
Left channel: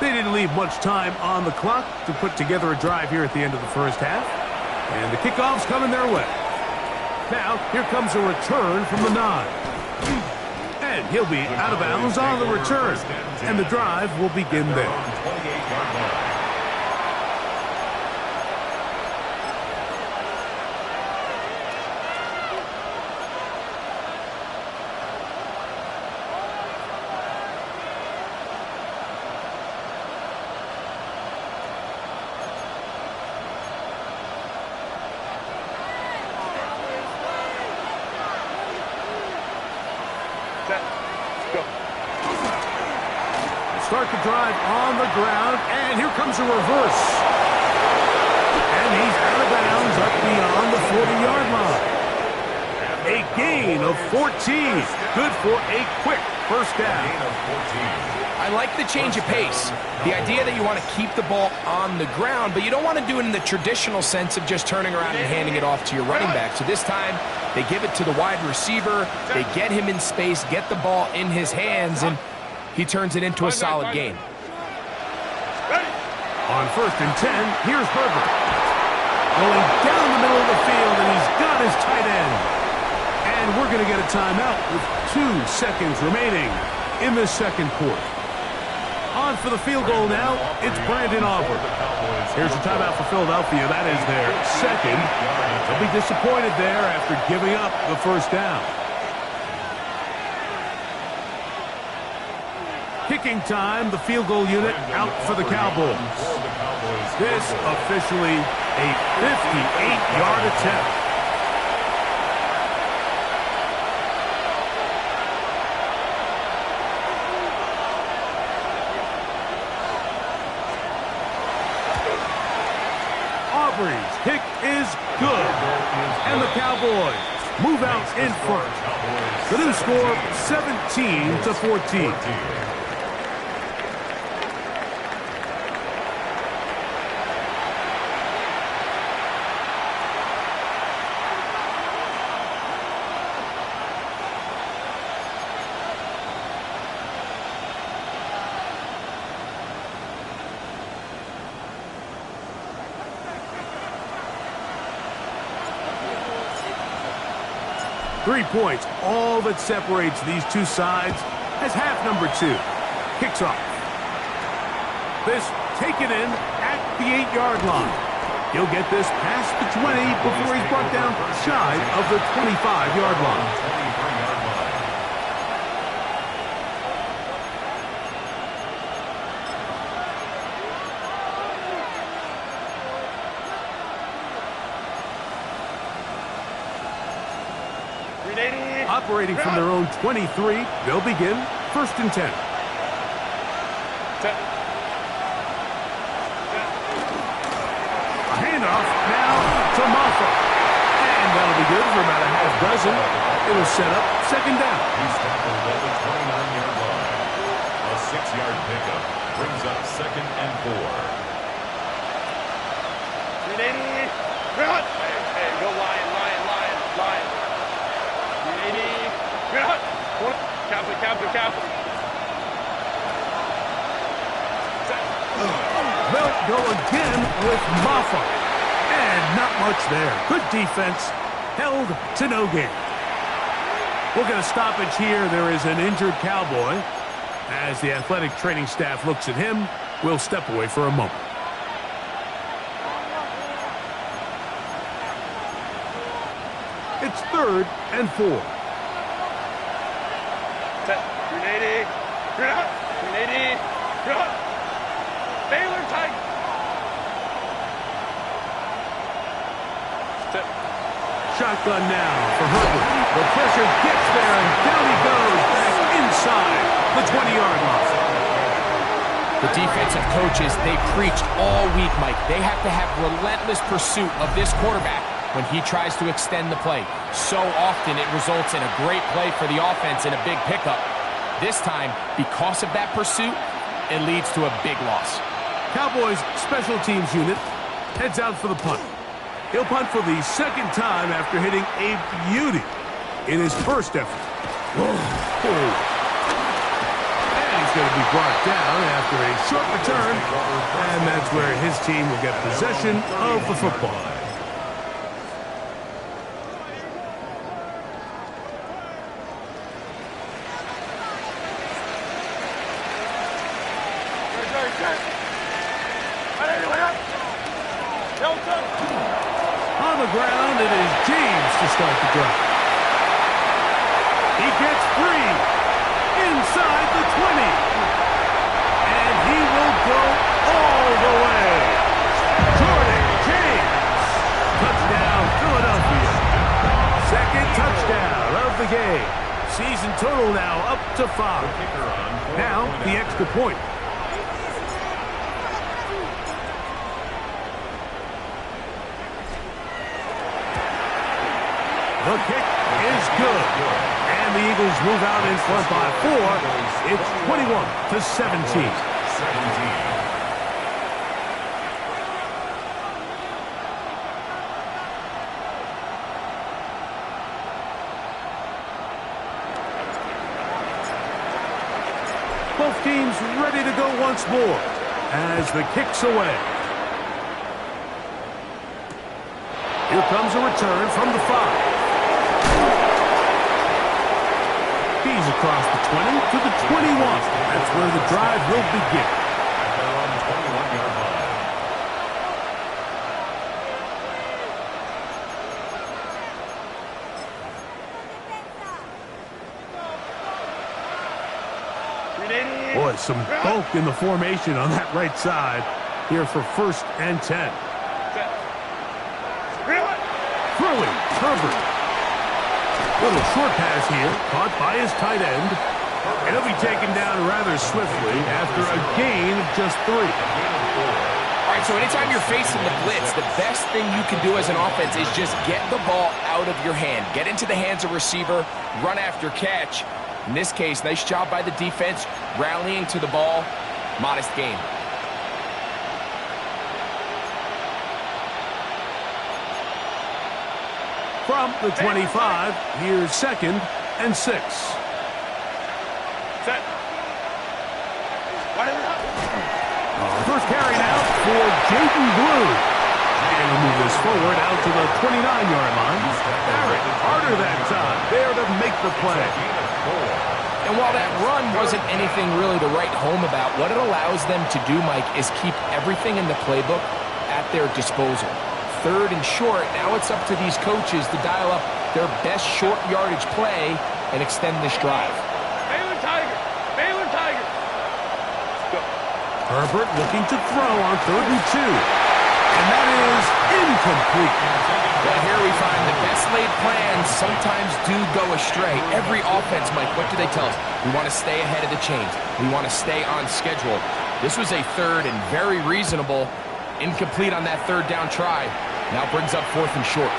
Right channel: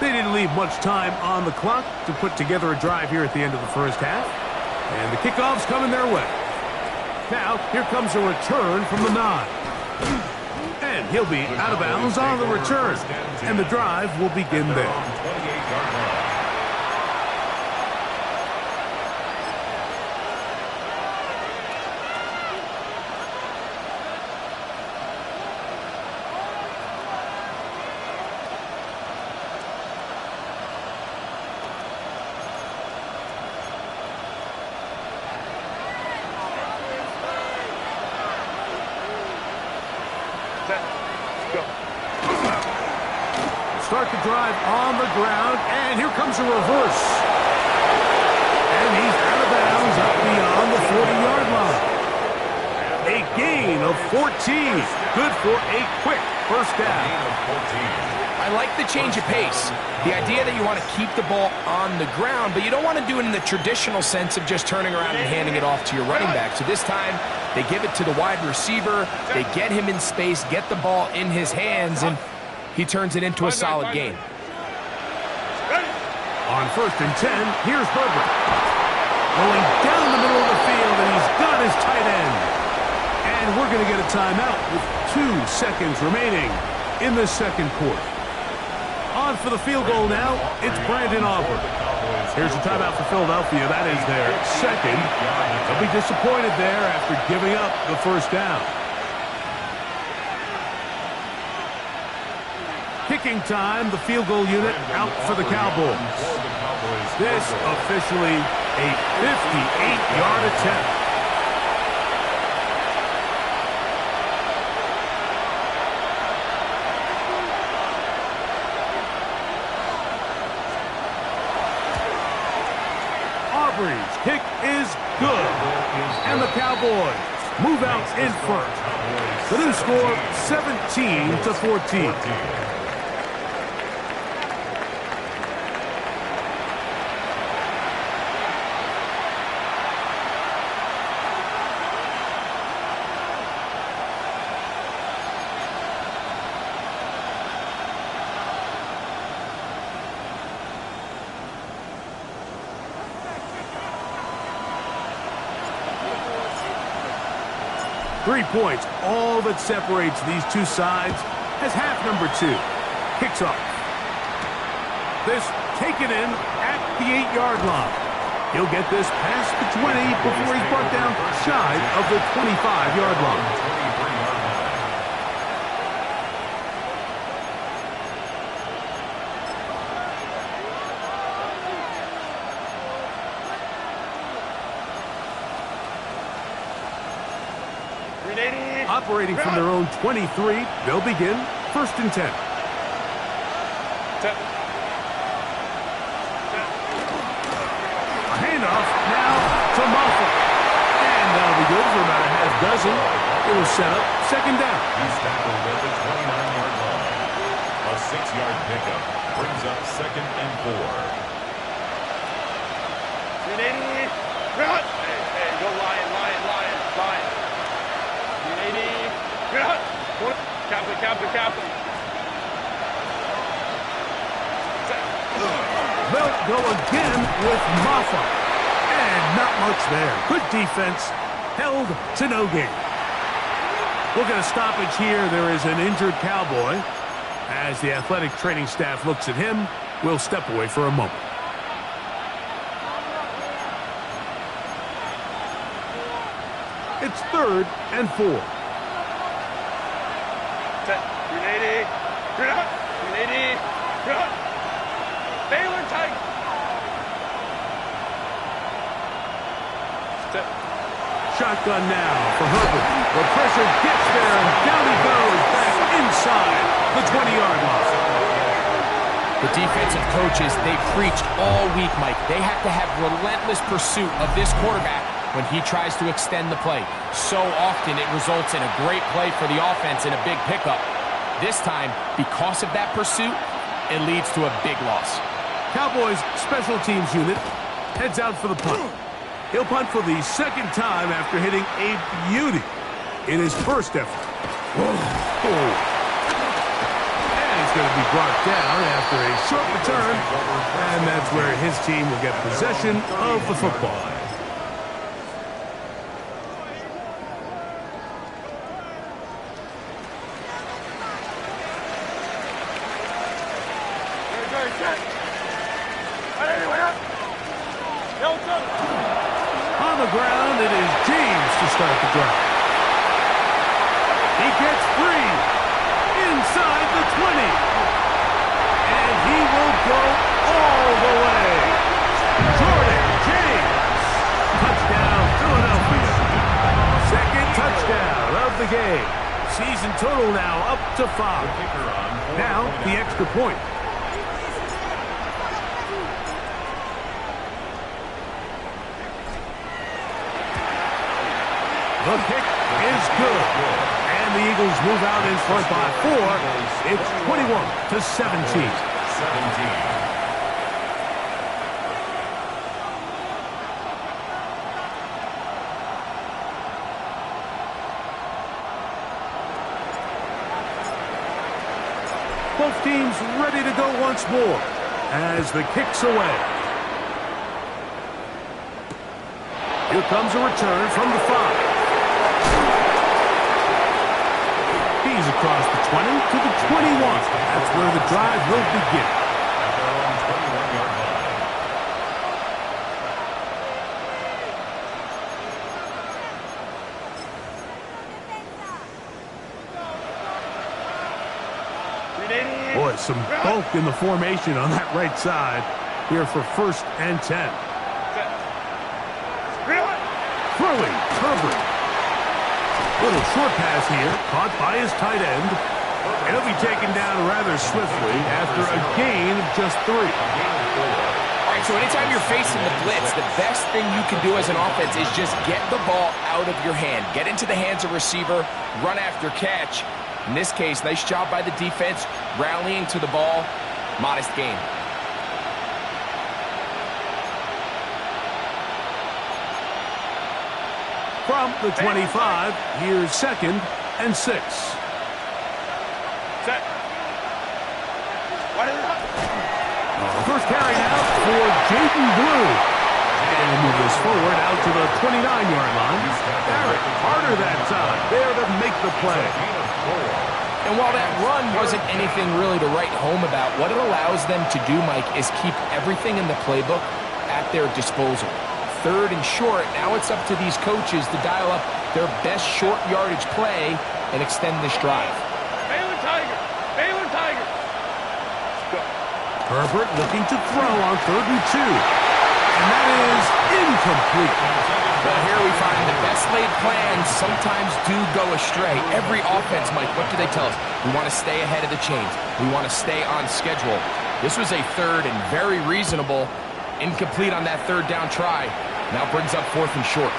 They didn't leave much time on the clock to put together a drive here at the end of the first half. And the kickoff's coming their way. Now, here comes a return from the 9. And he'll be out of bounds on the return. And the drive will begin there. 28-yard line. Start the drive on the ground, and here comes a reverse. And he's out of bounds up beyond the 40-yard line. A gain of 14. Good for a quick first down. Gain of 14. I like the change of pace. The idea that you want to keep the ball on the ground, but you don't want to do it in the traditional sense of just turning around and handing it off to your running back. So this time, they give it to the wide receiver. They get him in space, get the ball in his hands, and he turns it into a solid gain. On 1st and 10, here's Herbert. Going down the middle of the field, and he's got his tight end. And we're going to get a timeout with 2 seconds remaining in the second quarter. On for the field goal now, it's Brandon Aubrey. Here's a timeout for Philadelphia. That is their second. They'll be disappointed there after giving up the first down. Kicking time, the field goal unit out for the Cowboys. This officially a 58-yard attempt. Aubrey's kick is good. And the Cowboys move out in front. The new score, 17-14. 3 points, all that separates these two sides as half number 2 kicks off. This taken in at the 8-yard line. He'll get this past the 20 before he's brought down shy of the 25-yard line. Operating from their own 23, they'll begin 1st and 10. A handoff now to Maffa. And that'll be good for about a half dozen. It'll set up 2nd down. He's tackled at the 29-yard line. A 6-yard pickup brings up 2nd and 4. 380. Hey, go Lion. 380. Cap. They'll go again with Maffa. And not much there. Good defense. Held to no gain. We'll get a stoppage here. There is an injured Cowboy. As the athletic training staff looks at him, we'll step away for a moment. It's 3rd and 4. 380. 380. Baylor tight. Shotgun now for Herbert. The pressure gets there, and down he goes back inside the 20-yard line. The defensive coaches, they preached all week, Mike. They have to have relentless pursuit of this quarterback when he tries to extend the play. So often it results in a great play for the offense and a big pickup. This time, because of that pursuit, it leads to a big loss. Cowboys special teams unit heads out for the punt. He'll punt for the 2nd time after hitting a beauty in his first effort. And he's going to be brought down after a short return, and that's where his team will get possession of the football. On the ground, it is James to start the drive. He gets free inside the 20. And he will go all the way. Jordan James. Touchdown, Philadelphia. 2nd touchdown of the game. Season total now up to 5. Now the extra point. The kick is good. And the Eagles move out in front by 4. It's 21-17. 17. Both teams ready to go once more as the kick's away. Here comes a return from the 5. He's across the 20 to the 21. That's where the drive will begin. At their own 21-yard line. Boy, some bulk in the formation on that right side here for 1st and 10. Throwing, Herbert. Little short pass here, caught by his tight end. And he'll be taken down rather swiftly after a gain of just 3. All right, so anytime you're facing the blitz, the best thing you can do as an offense is just get the ball out of your hand. Get into the hands of receiver, run after catch. In this case, nice job by the defense, rallying to the ball. Modest gain. From the 25, here's 2nd and 6. Set. First carry now for Jaden Blue. And he'll move this forward out to the 29-yard line. Barrett, harder that time, there to make the play. And while that run wasn't anything really to write home about, what it allows them to do, Mike, is keep everything in the playbook at their disposal. 3rd and short, now it's up to these coaches to dial up their best short yardage play and extend this drive. Baylor Tiger. Baylor Tiger. Herbert looking to throw on 3rd and 2. And that is incomplete. Well, here we find the best laid plans sometimes do go astray. Every offense, Mike, what do they tell us? We want to stay ahead of the chains. We want to stay on schedule. This was a 3rd and very reasonable. Incomplete on that 3rd down try. Now brings up 4th and short.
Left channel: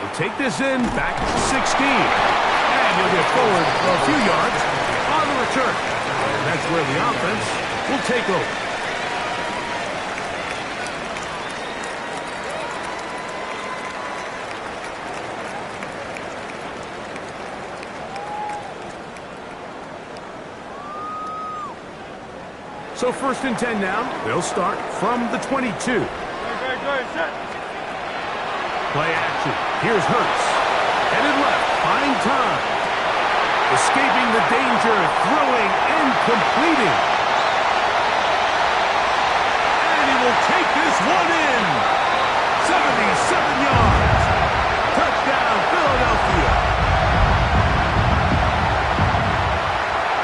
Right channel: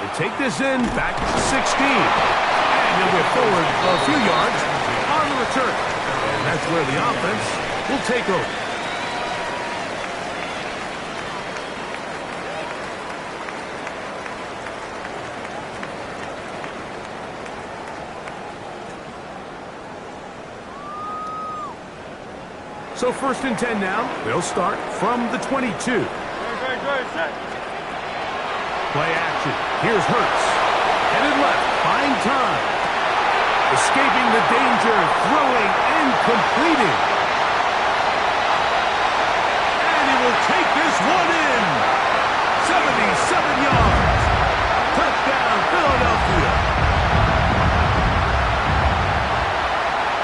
He'll take this in back at the 16. And he'll get forward a few yards on the return. And that's where the offense will take over. So 1st and 10 now. They'll start from the 22. Good, set. Play action. Here's Hurts. Headed left. Buying time. Escaping the danger. Throwing and completing. And he will take this one in. 77 yards. Touchdown, Philadelphia.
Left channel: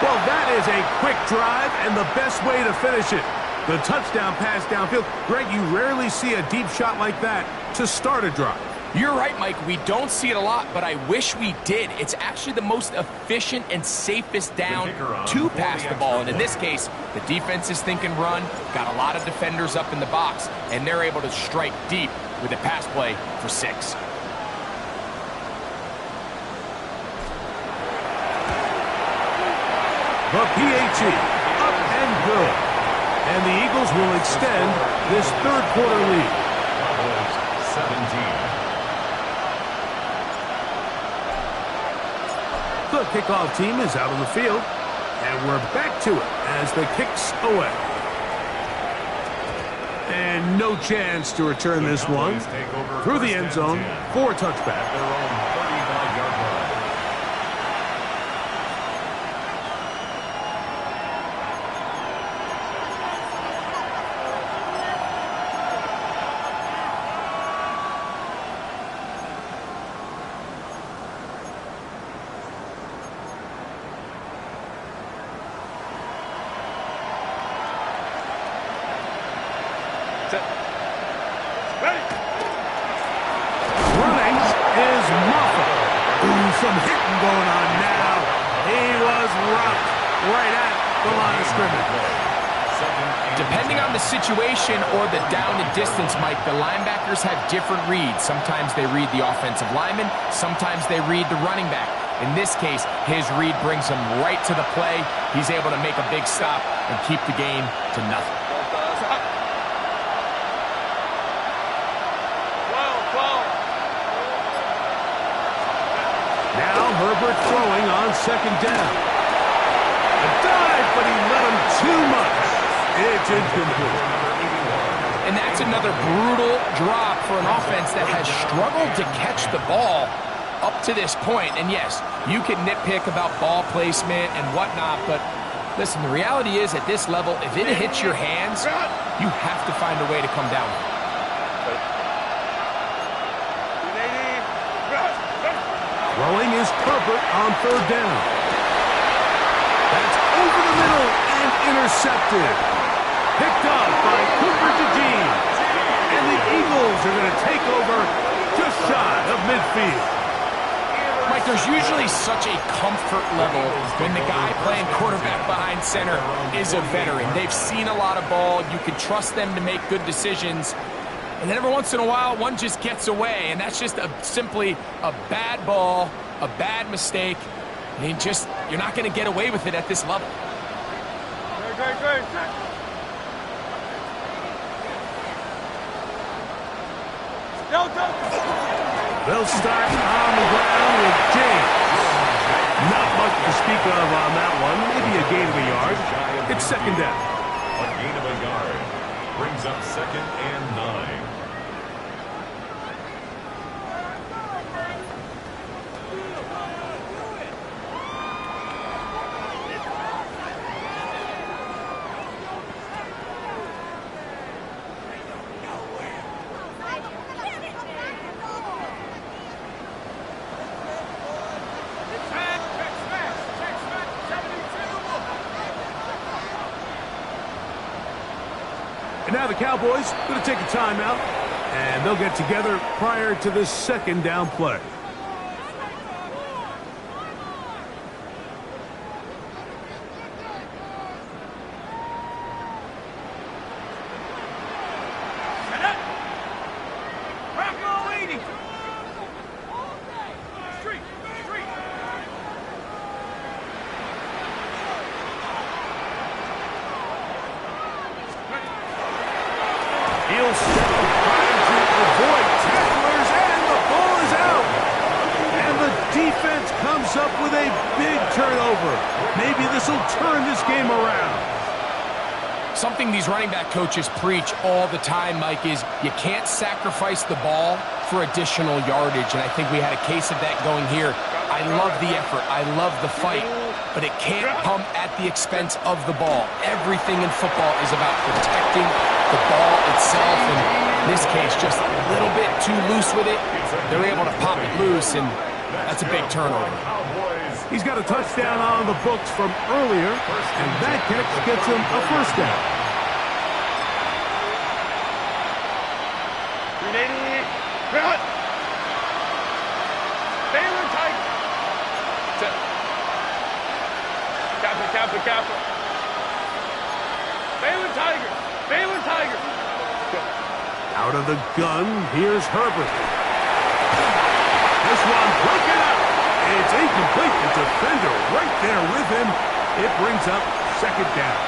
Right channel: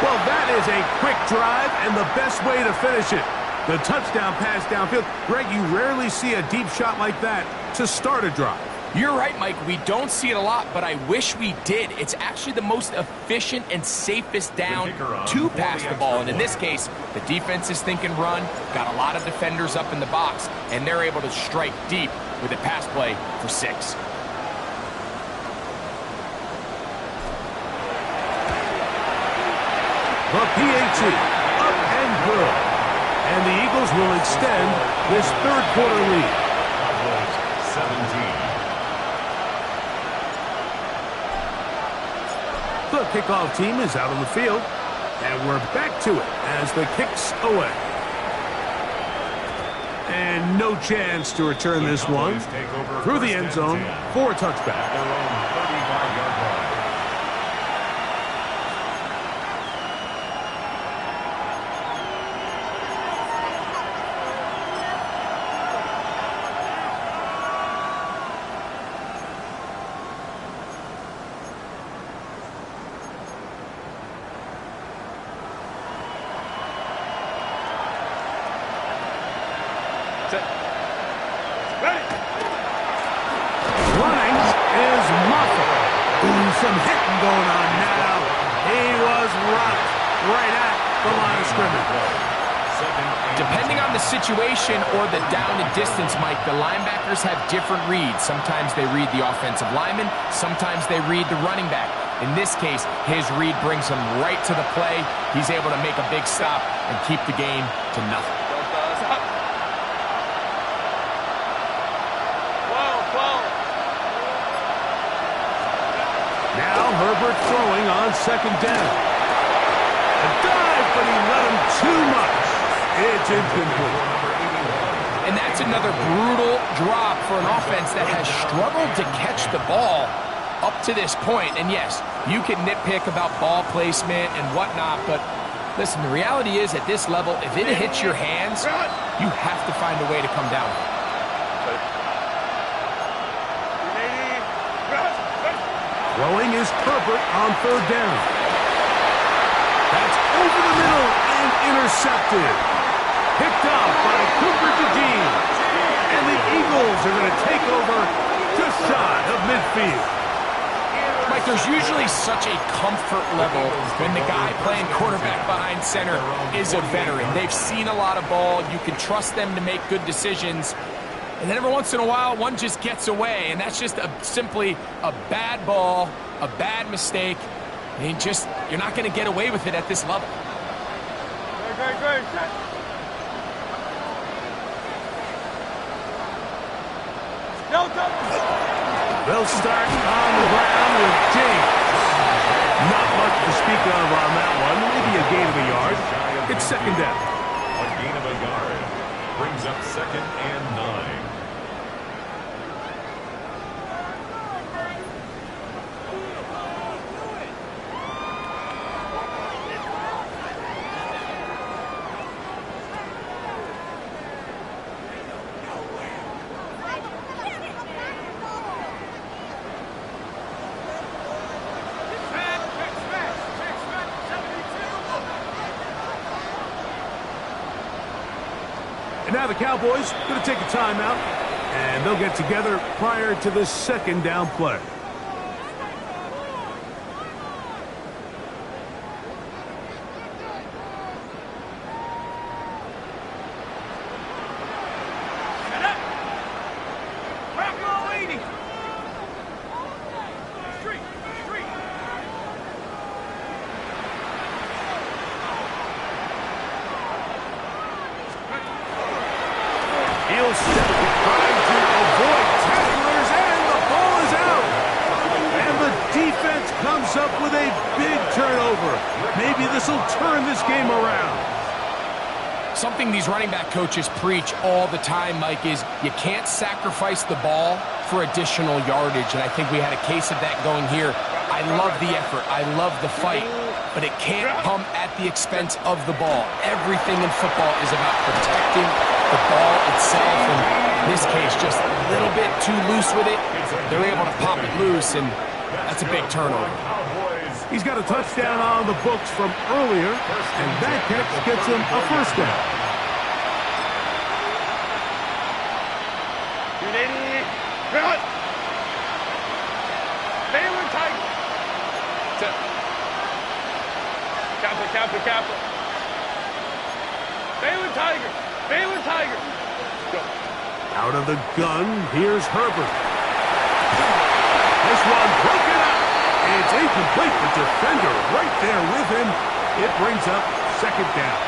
Well, that is a quick drive and the best way to finish it. The touchdown pass downfield. Greg, you rarely see a deep shot like that to start a drive. You're right, Mike. We don't see it a lot, but I wish we did. It's actually the most efficient and safest down to pass the ball. And in this case, the defense is thinking run, got a lot of defenders up in the box, and they're able to strike deep with a pass play for 6. The PAT, up and good. And the Eagles will extend this 3rd quarter lead. Cowboys 17. The kickoff team is out on the field. And we're back to it as the kick's away. And no chance to return this one through the end zone for a touchback. At their own 35-yard line. Running is Moffett. Ooh, some hitting going on now. He was rocked right at the line of scrimmage. Depending on the situation or the down and distance, Mike, the linebackers have different reads. Sometimes they read the offensive lineman. Sometimes they read the running back. In this case, his read brings him right to the play. He's able to make a big stop and keep the game to nothing. Now Herbert throwing on 2nd down. A dive, but he let him too much. It's incomplete. And that's another brutal drop for an offense that has struggled to catch the ball. up to this point, and yes, you can nitpick about ball placement and whatnot, but listen, the reality is at this level, if it hits your hands, you have to find a way to come down with it. Throwing is Herbert on third down. That's over the middle and intercepted. Picked up by Cooper DeJean. And the Eagles are going to take over just shy of midfield. Mike, there's usually such a comfort level when the guy playing quarterback behind center is a veteran. They've seen a lot of ball. You can trust them to make good decisions. And then every once in a while, one just gets away, and that's just simply a bad ball, a bad mistake. And you're not going to get away with it at this level. Good. They'll start on the ground with James. Not much to speak of on that one. Maybe a gain of a yard. It's second down. A gain of a yard brings up 2nd and 9. And now the Cowboys going to take a timeout, and they'll get together prior to the second down play. He'll step trying to avoid tacklers, and the ball is out. And the defense comes up with a big turnover. Maybe this will turn this game around. Something these running back coaches preach all the time, Mike, is you can't sacrifice the ball for additional yardage, and I think we had a case of that going here. I love the effort. I love the fight, but it can't come at the expense of the ball. Everything in football is about protecting the ball itself, and in this case, just a little bit too loose with it. They're able to pop it loose, and that's a big turnover. He's got a touchdown on the books from earlier, and that catch gets him a first down. Baylor Tiger. Kappa. Baylor Tiger. Baylor Tiger. Go. Out of the gun, here's Herbert. This one broken up. It's incomplete. The defender right there with him. It brings up second down.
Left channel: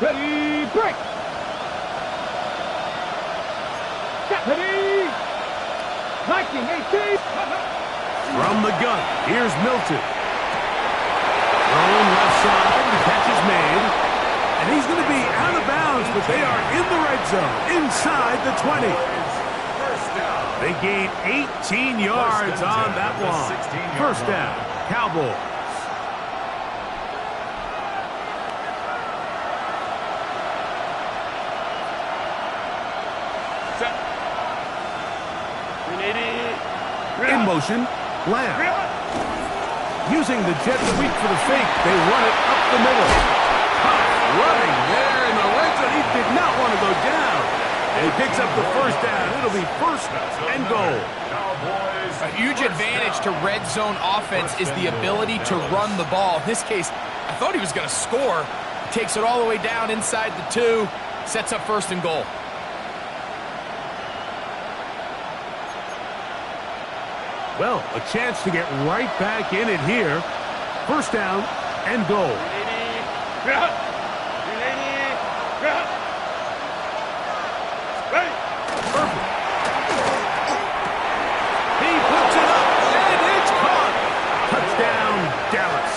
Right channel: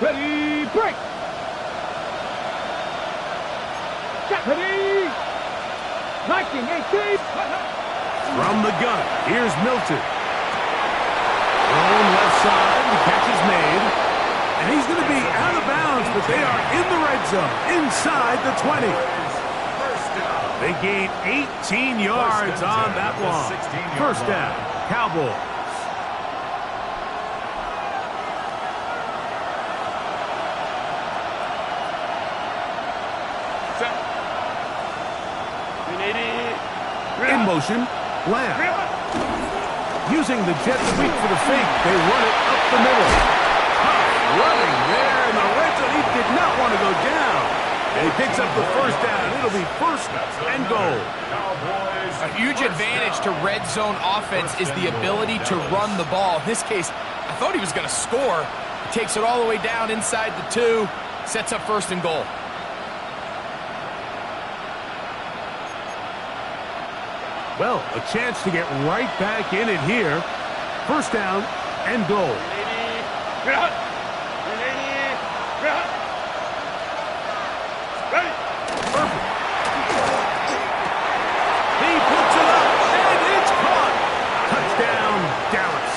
Ready, break. Ready. 1918. From the gun, here's Milton. Thrown left side, the catch is made. And he's going to be out of bounds, but they are in the red zone, inside the 20. They gain 18 yards on that one. First down, Cowboys. In motion, Lamb. Using the jet sweep for the fake, they run it up the middle. Tough running there in the red zone. He did not want to go down. And he picks up the first down. It'll be first and goal. A huge advantage to red zone offense is the ability to run the ball. In this case, I thought he was going to score. He takes it all the way down inside the 2, sets up first and goal. Well, a chance to get right back in it here. First down and goal. Perfect. He puts it up, and it's caught. Touchdown, Dallas.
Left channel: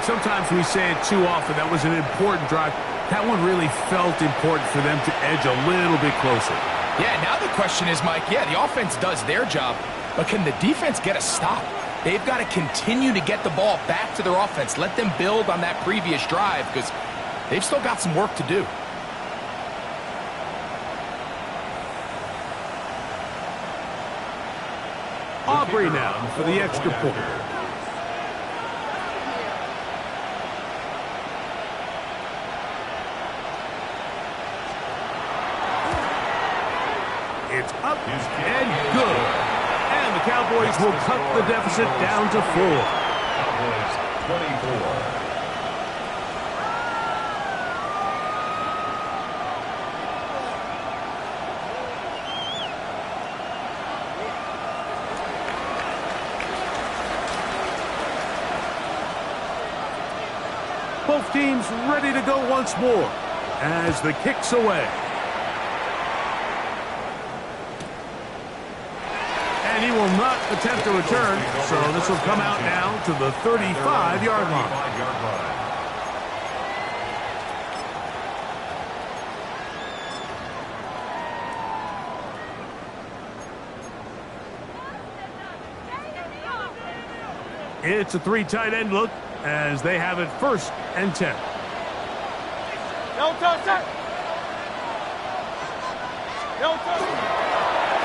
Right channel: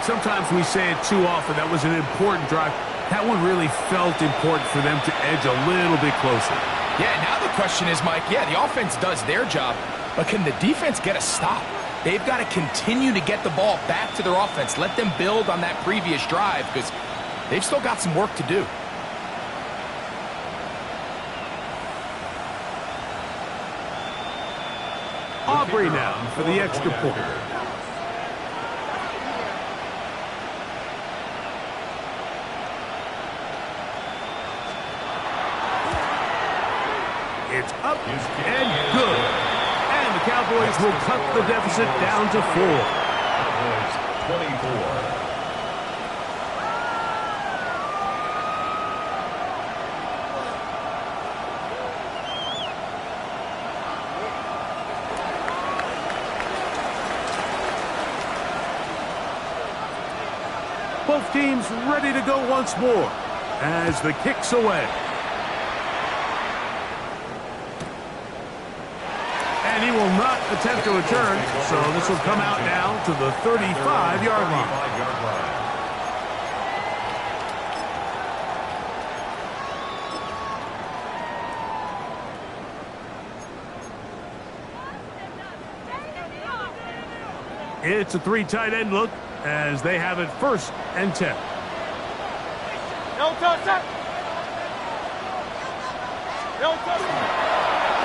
Mike, sometimes we say it too often. That was an important drive. That one really felt important for them to edge a little bit closer. Yeah, now the question is, Mike, yeah, the offense does their job, but can the defense get a stop? They've got to continue to get the ball back to their offense. Let them build on that previous drive because they've still got some work to do. Aubrey now for the extra point. It's up and good. And the Cowboys will cut the deficit down to 4. Cowboys 24. Both teams ready to go once more as the kick's away. And he will not attempt to return, so this will come out now to the 35-yard line. It's a 3 tight end look as they have it 1st and 10. No touch it. No touch it.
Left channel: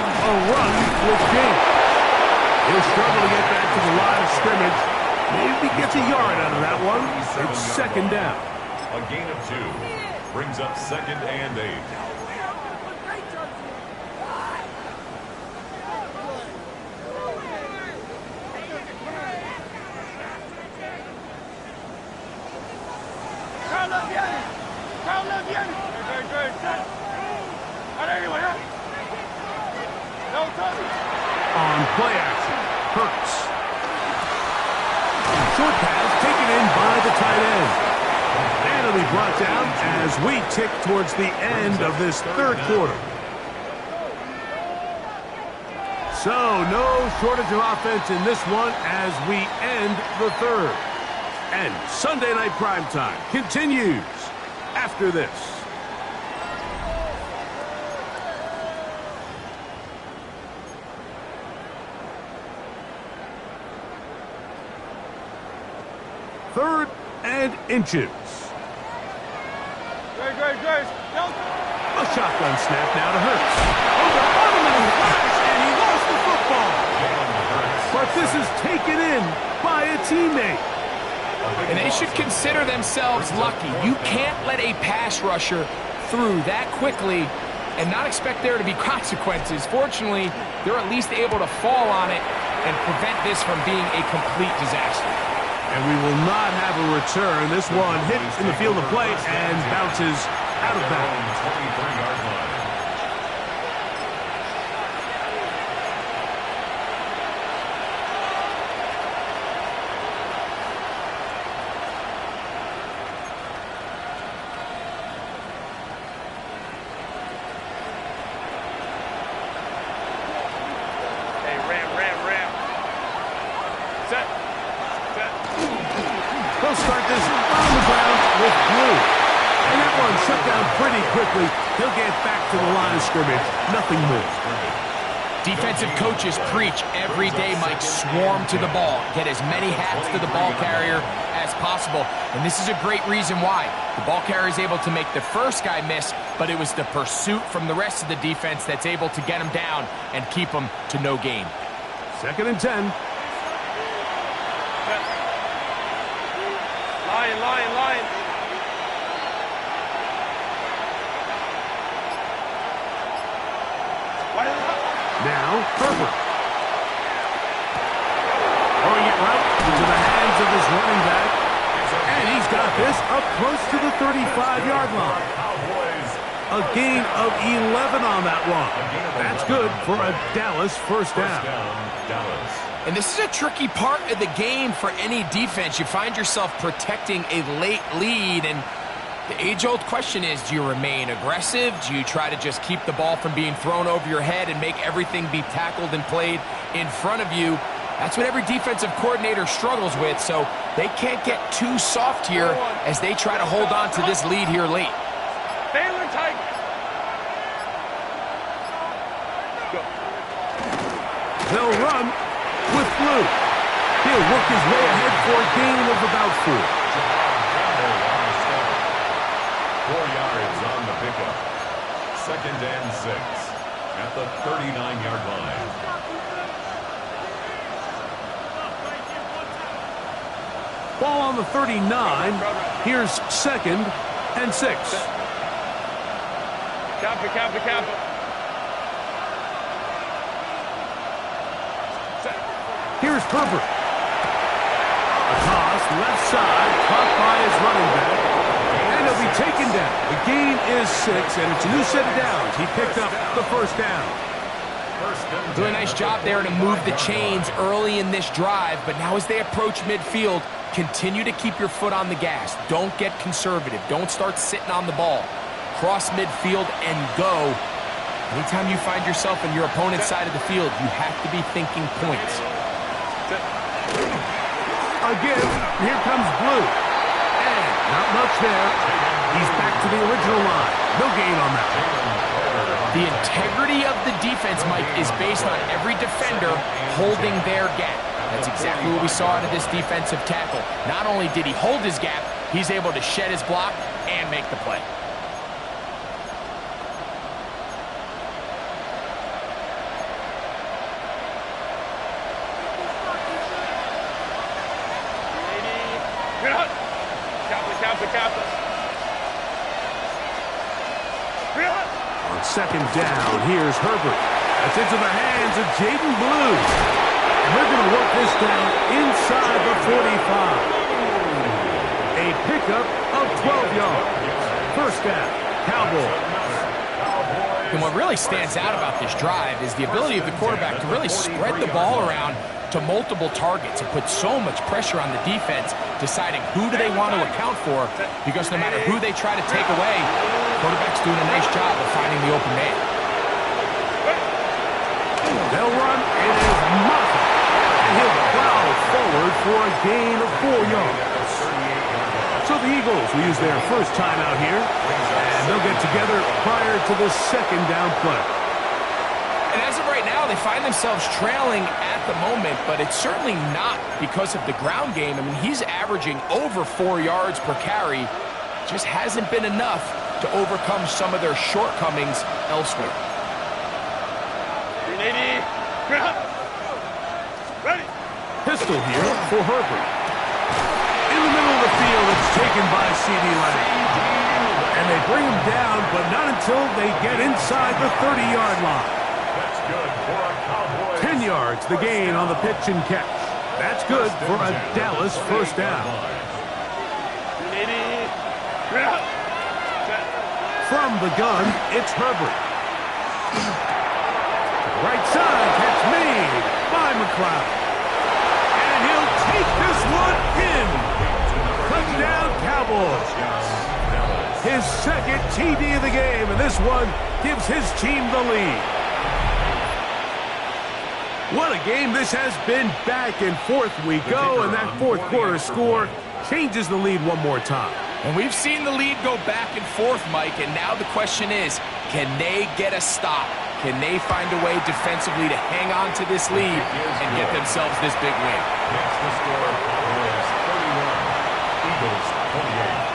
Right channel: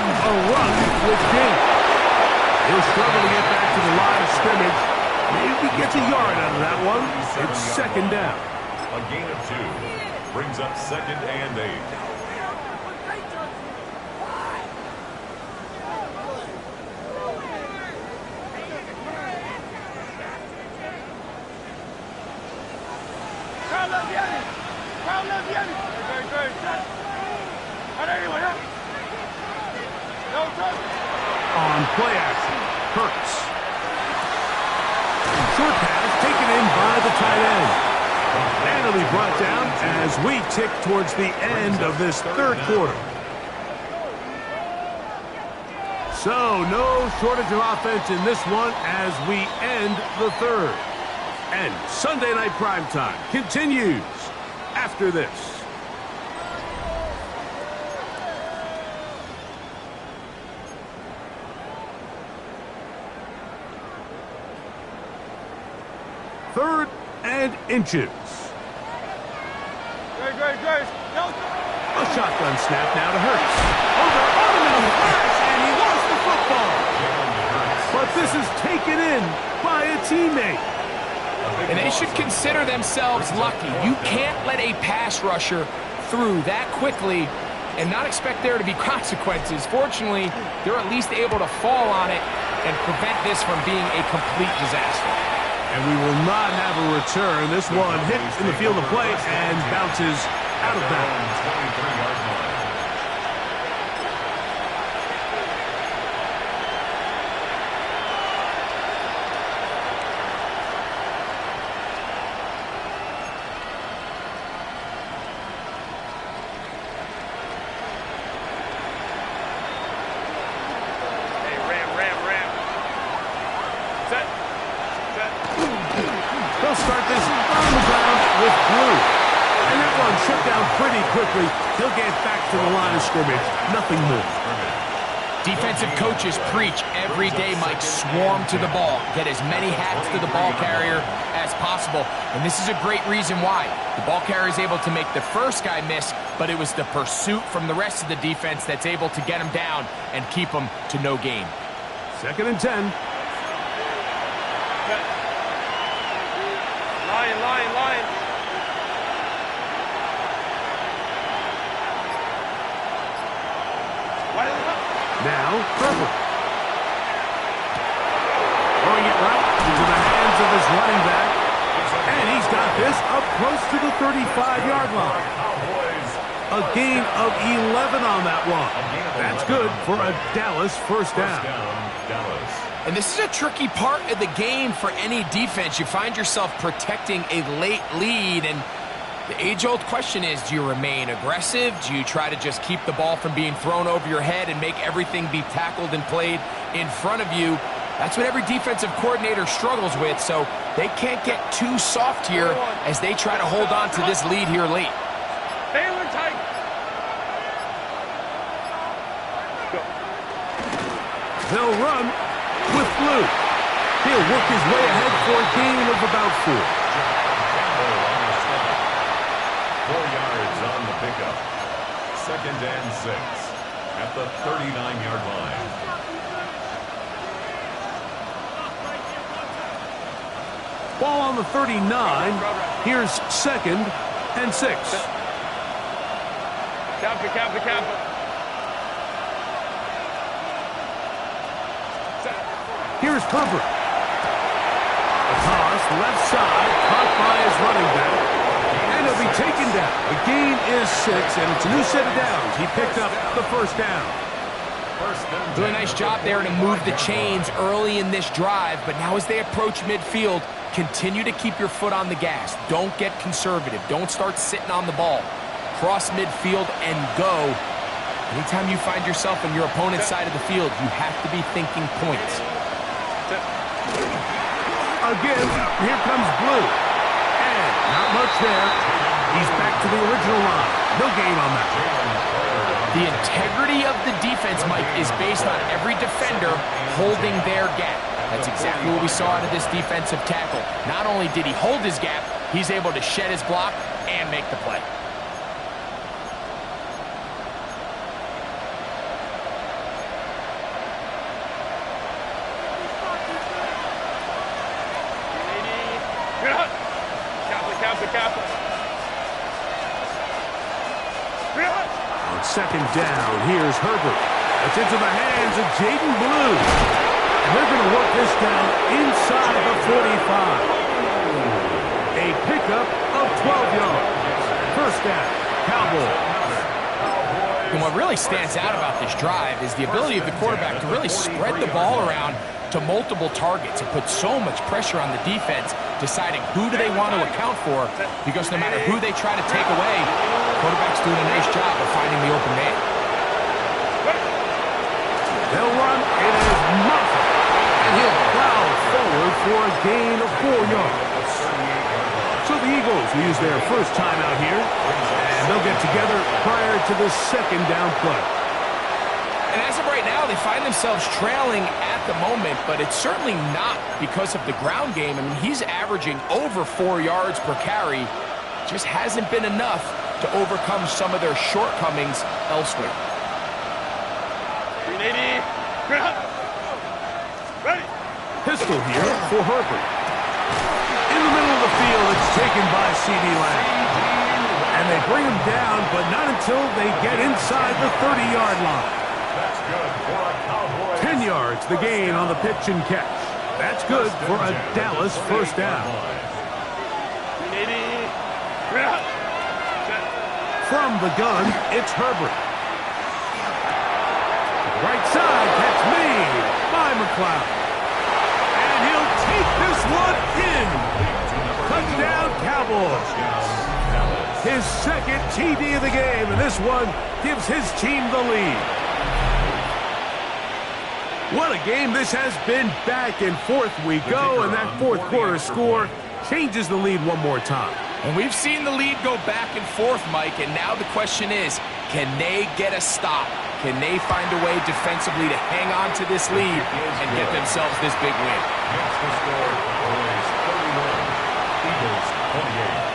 A run with James. He'll struggle to get back to the line of scrimmage. Maybe gets a yard out of that one. It's 2nd down. A gain of 2 brings up 2nd and 8. On play action, Hurts. Short pass taken in by the tight end. And it'll be brought down as we tick towards the end of this 3rd quarter. So no shortage of offense in this one as we end the 3rd. And Sunday Night Primetime continues after this. Third and inches. Grace. No. A shotgun snap now to Hurts. Over on him in a flash, and he lost the football. But this is taken in by a teammate. And they should consider themselves lucky. You can't let a pass rusher through that quickly and not expect there to be consequences. Fortunately, they're at least able to fall on it and prevent this from being a complete disaster. And we will not have a return. This one hits in the field of play and bounces out of bounds. 23-yard line. Ram. Set. They'll start this on the ground with Blue. And that one shut down pretty quickly. He'll get back to the line of scrimmage. Nothing more. Defensive coaches preach every day, Mike, swarm to the ball. Get as many hats to the ball carrier as possible. And this is a great reason why. The ball carrier is able to make the first guy miss, but it was the pursuit from the rest of the defense that's able to get him down and keep him to no gain. 2nd and 10. Line. Now, Herbert. Throwing it right into the hands of his running back. And he's got this up close to the 35-yard line. A gain of 11 on that one. That's good for a Dallas first down. And this is a tricky part of the game for any defense. You find yourself protecting a late lead, and the age-old question is, do you remain aggressive? Do you try to just keep the ball from being thrown over your head and make everything be tackled and played in front of you? That's what every defensive coordinator struggles with, so they can't get too soft here as they try to hold on to this lead here late. Baylor tight. They'll run with Blue. He'll work his way ahead for a gain of about 4. Campbell on the stop. 4 yards on the pickup. 2nd and 6 at the 39-yard line. Ball on the 39. Here's 2nd and 6. Kappa. Here's Herbert. A toss left side, caught by his running back. And he'll be taken down. The gain is 6, and it's a new set of downs. He picked up the first down. Doing a nice job there to move the chains early in this drive, but now as they approach midfield, continue to keep your foot on the gas. Don't get conservative. Don't start sitting on the ball. Cross midfield and go. Anytime you find yourself on your opponent's side of the field, you have to be thinking points. Again, here comes Blue. And not much there. He's back to the original line. No gain on that. The integrity of the defense, Mike, is based on every defender holding their gap. That's exactly what we saw out of this defensive tackle. Not only did he hold his gap, he's able to shed his block and make the play. Kappa. On 2nd down, here's Herbert. That's into the hands of Jaden Blue. And they're going to work this down inside the 45. A pickup of 12 yards. First down, Cowboys. And what really stands out about this drive is the ability of the quarterback to really spread the ball around to multiple targets and put so much pressure on the defense, deciding who do they want to account for, because no matter who they try to take away, the quarterback's doing a nice job of finding the open man. They'll run. It is Muffin. And he'll plow forward for a gain of 4 yards. So the Eagles will use their first time out here, and they'll get together prior to the 2nd down play. And as of right now, they find themselves trailing at the moment, but it's certainly not because of the ground game. I mean, he's averaging over 4 yards per carry. Just hasn't been enough to overcome some of their shortcomings elsewhere. 380. Ready. Pistol here for Herbert. In the middle of the field, it's taken by C.D. Lamb. And they bring him down, but not until they get inside the 30-yard line. That's good for a Cowboys. 10 yards, the gain on the pitch and catch. That's good for a Dallas first down. 380. From the gun, it's Herbert. Right side, catch made by McLeod. And he'll take this one in. Touchdown, Cowboys. His 2nd TD of the game, and this one gives his team the lead. What a game this has been. Back and forth we go, and that 4th quarter score changes the lead one more time. And we've seen the lead go back and forth, Mike, and now the question is, can they get a stop? Can they find a way defensively to hang on to this lead and get themselves this big win? Makes the score Cowboys 31, Eagles 28.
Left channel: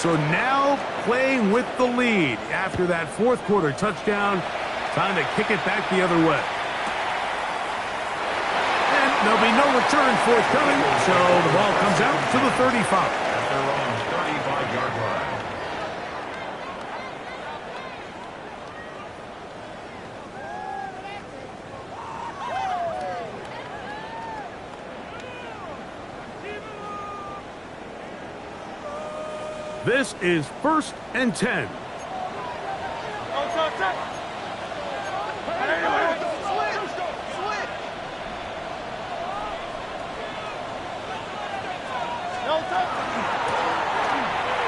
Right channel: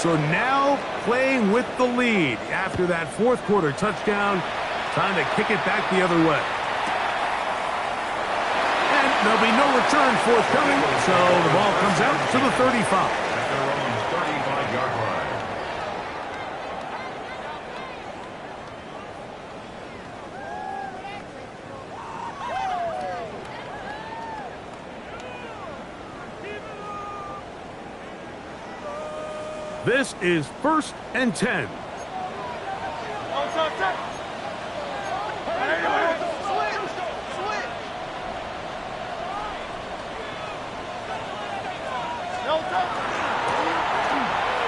So now playing with the lead after that 4th quarter touchdown. Time to kick it back the other way. And there'll be no return forthcoming, so the ball comes out to the 35. At their own 35-yard line. This is 1st and 10.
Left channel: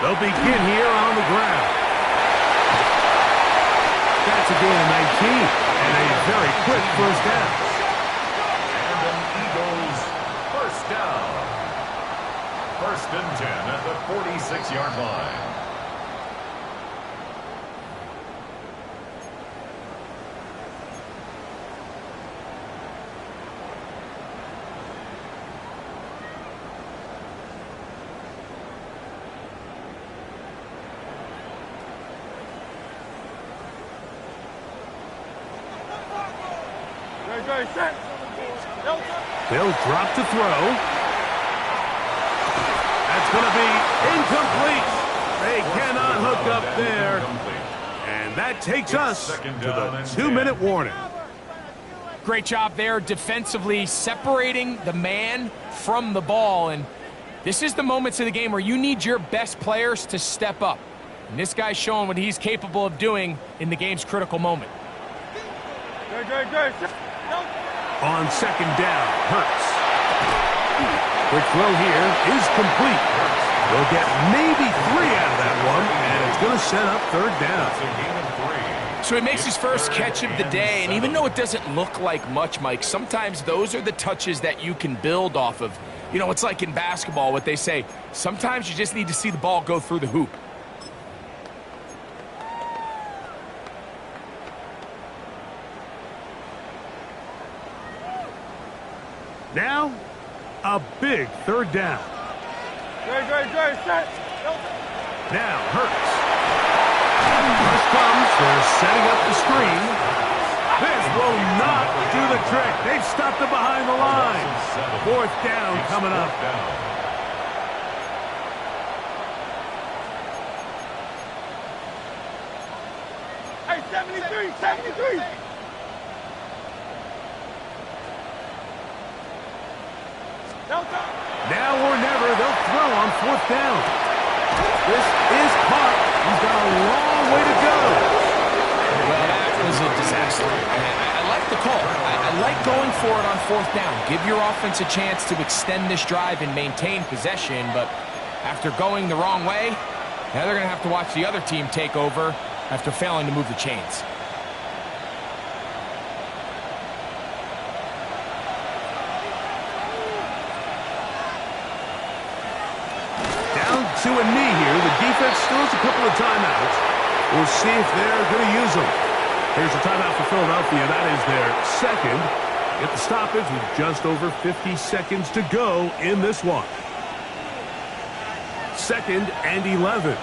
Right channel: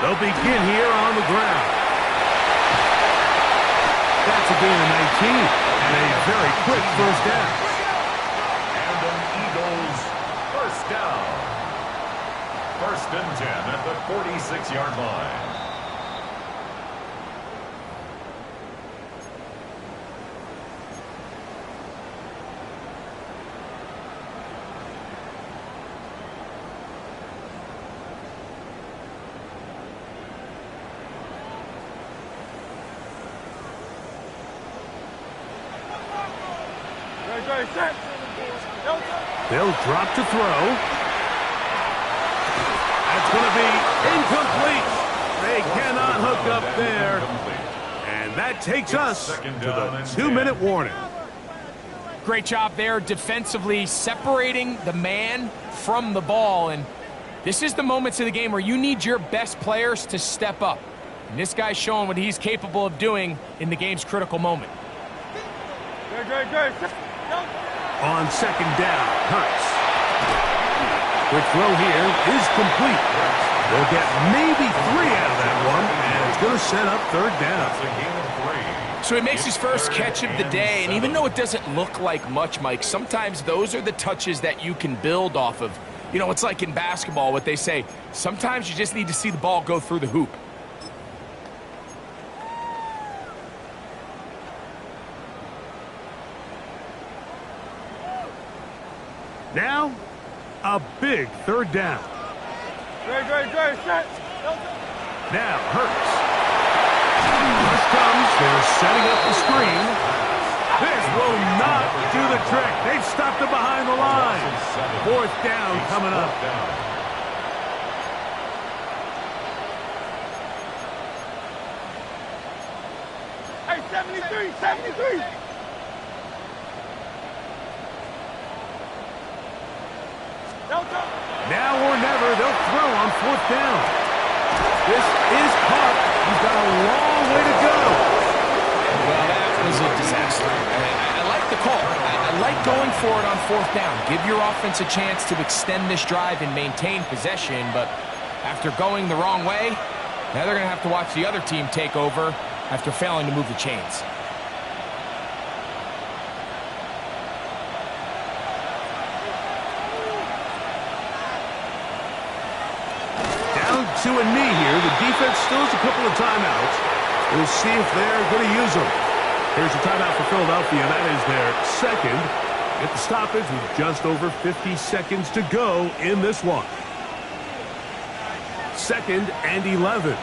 They'll begin here on the ground. That's a gain of 19 and a very quick first down. And an Eagles first down. 1st and 10 at the 46-yard line. They'll drop to throw. That's going to be incomplete. They cannot hook up there. And that takes us to the 2-minute warning. Great job there defensively, separating the man from the ball. And this is the moments of the game where you need your best players to step up. And this guy's showing what he's capable of doing in the game's critical moment. On 2nd down, Hurts. Quick throw here is complete. They'll get maybe 3 out of that one, and it's going to set up 3rd down. That's a gain of 3. So he makes his first catch of the day, and even though it doesn't look like much, Mike, sometimes those are the touches that you can build off of. You know, it's like in basketball, what they say, sometimes you just need to see the ball go through the hoop. Now, a big 3rd down. Now, Hurts. Rush comes. They're setting up the screen. This will not do the trick. They've stopped him behind the line. 4th down coming up. Hey, 73. Now or never, they'll throw on 4th down. This is caught. He's got a long way to go. Well, that was a disaster. I like the call. I like going for it on 4th down. Give your offense a chance to extend this drive and maintain possession, but after going the wrong way, now they're going to have to watch the other team take over after failing to move the chains. To a knee here. The defense still has a couple of timeouts. We'll see if they're going to use them. Here's a timeout for Philadelphia. That is their 2nd. Get the stoppage with just over 50 seconds to go in this one. 2nd and 11.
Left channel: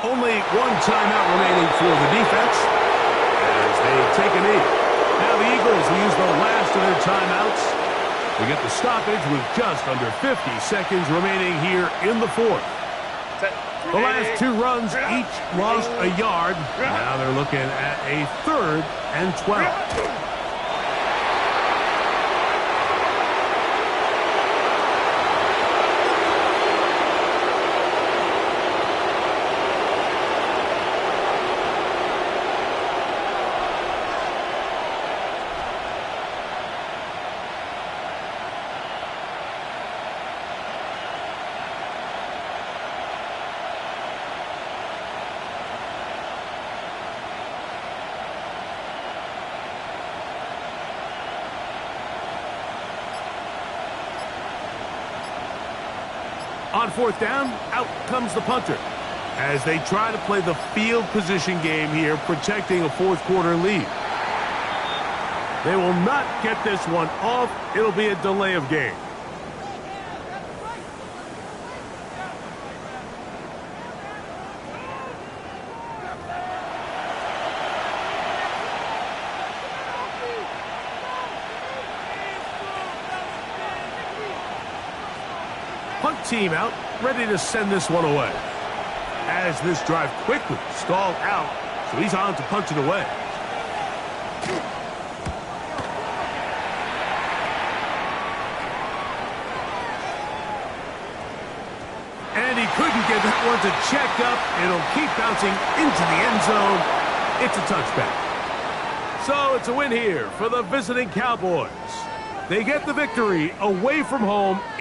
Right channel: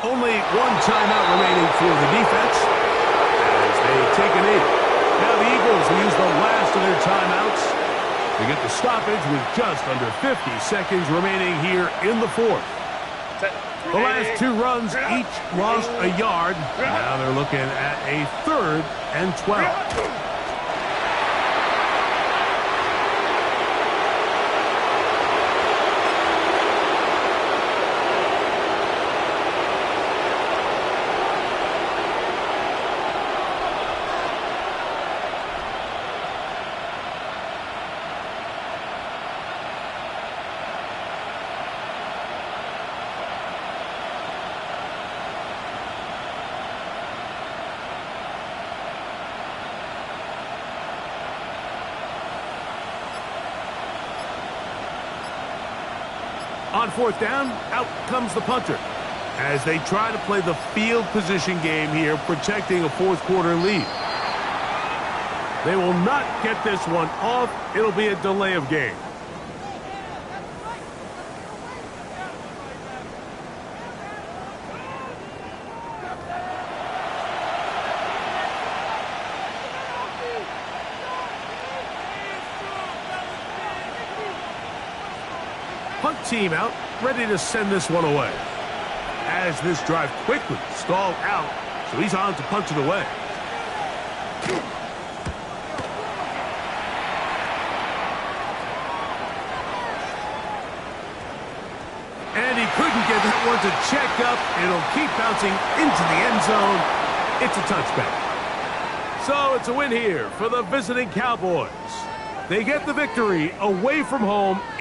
Only one timeout remaining for the defense as they take a knee. Now the Eagles will use the last of their timeouts to get the stoppage with just under 50 seconds remaining here in the 4th. The last 2 runs each lost a yard. Now they're looking at a 3rd and 12. On 4th down, out comes the punter as they try to play the field position game here, protecting a 4th quarter lead. They will not get this one off. It'll be a delay of game. Punt team out, ready to send this one away. As this drive quickly stalled out, so he's on to punch it away. that one's a checkup. It'll keep bouncing into the end zone. It's a touchback. So it's a win here for the visiting Cowboys. They get the victory away from home.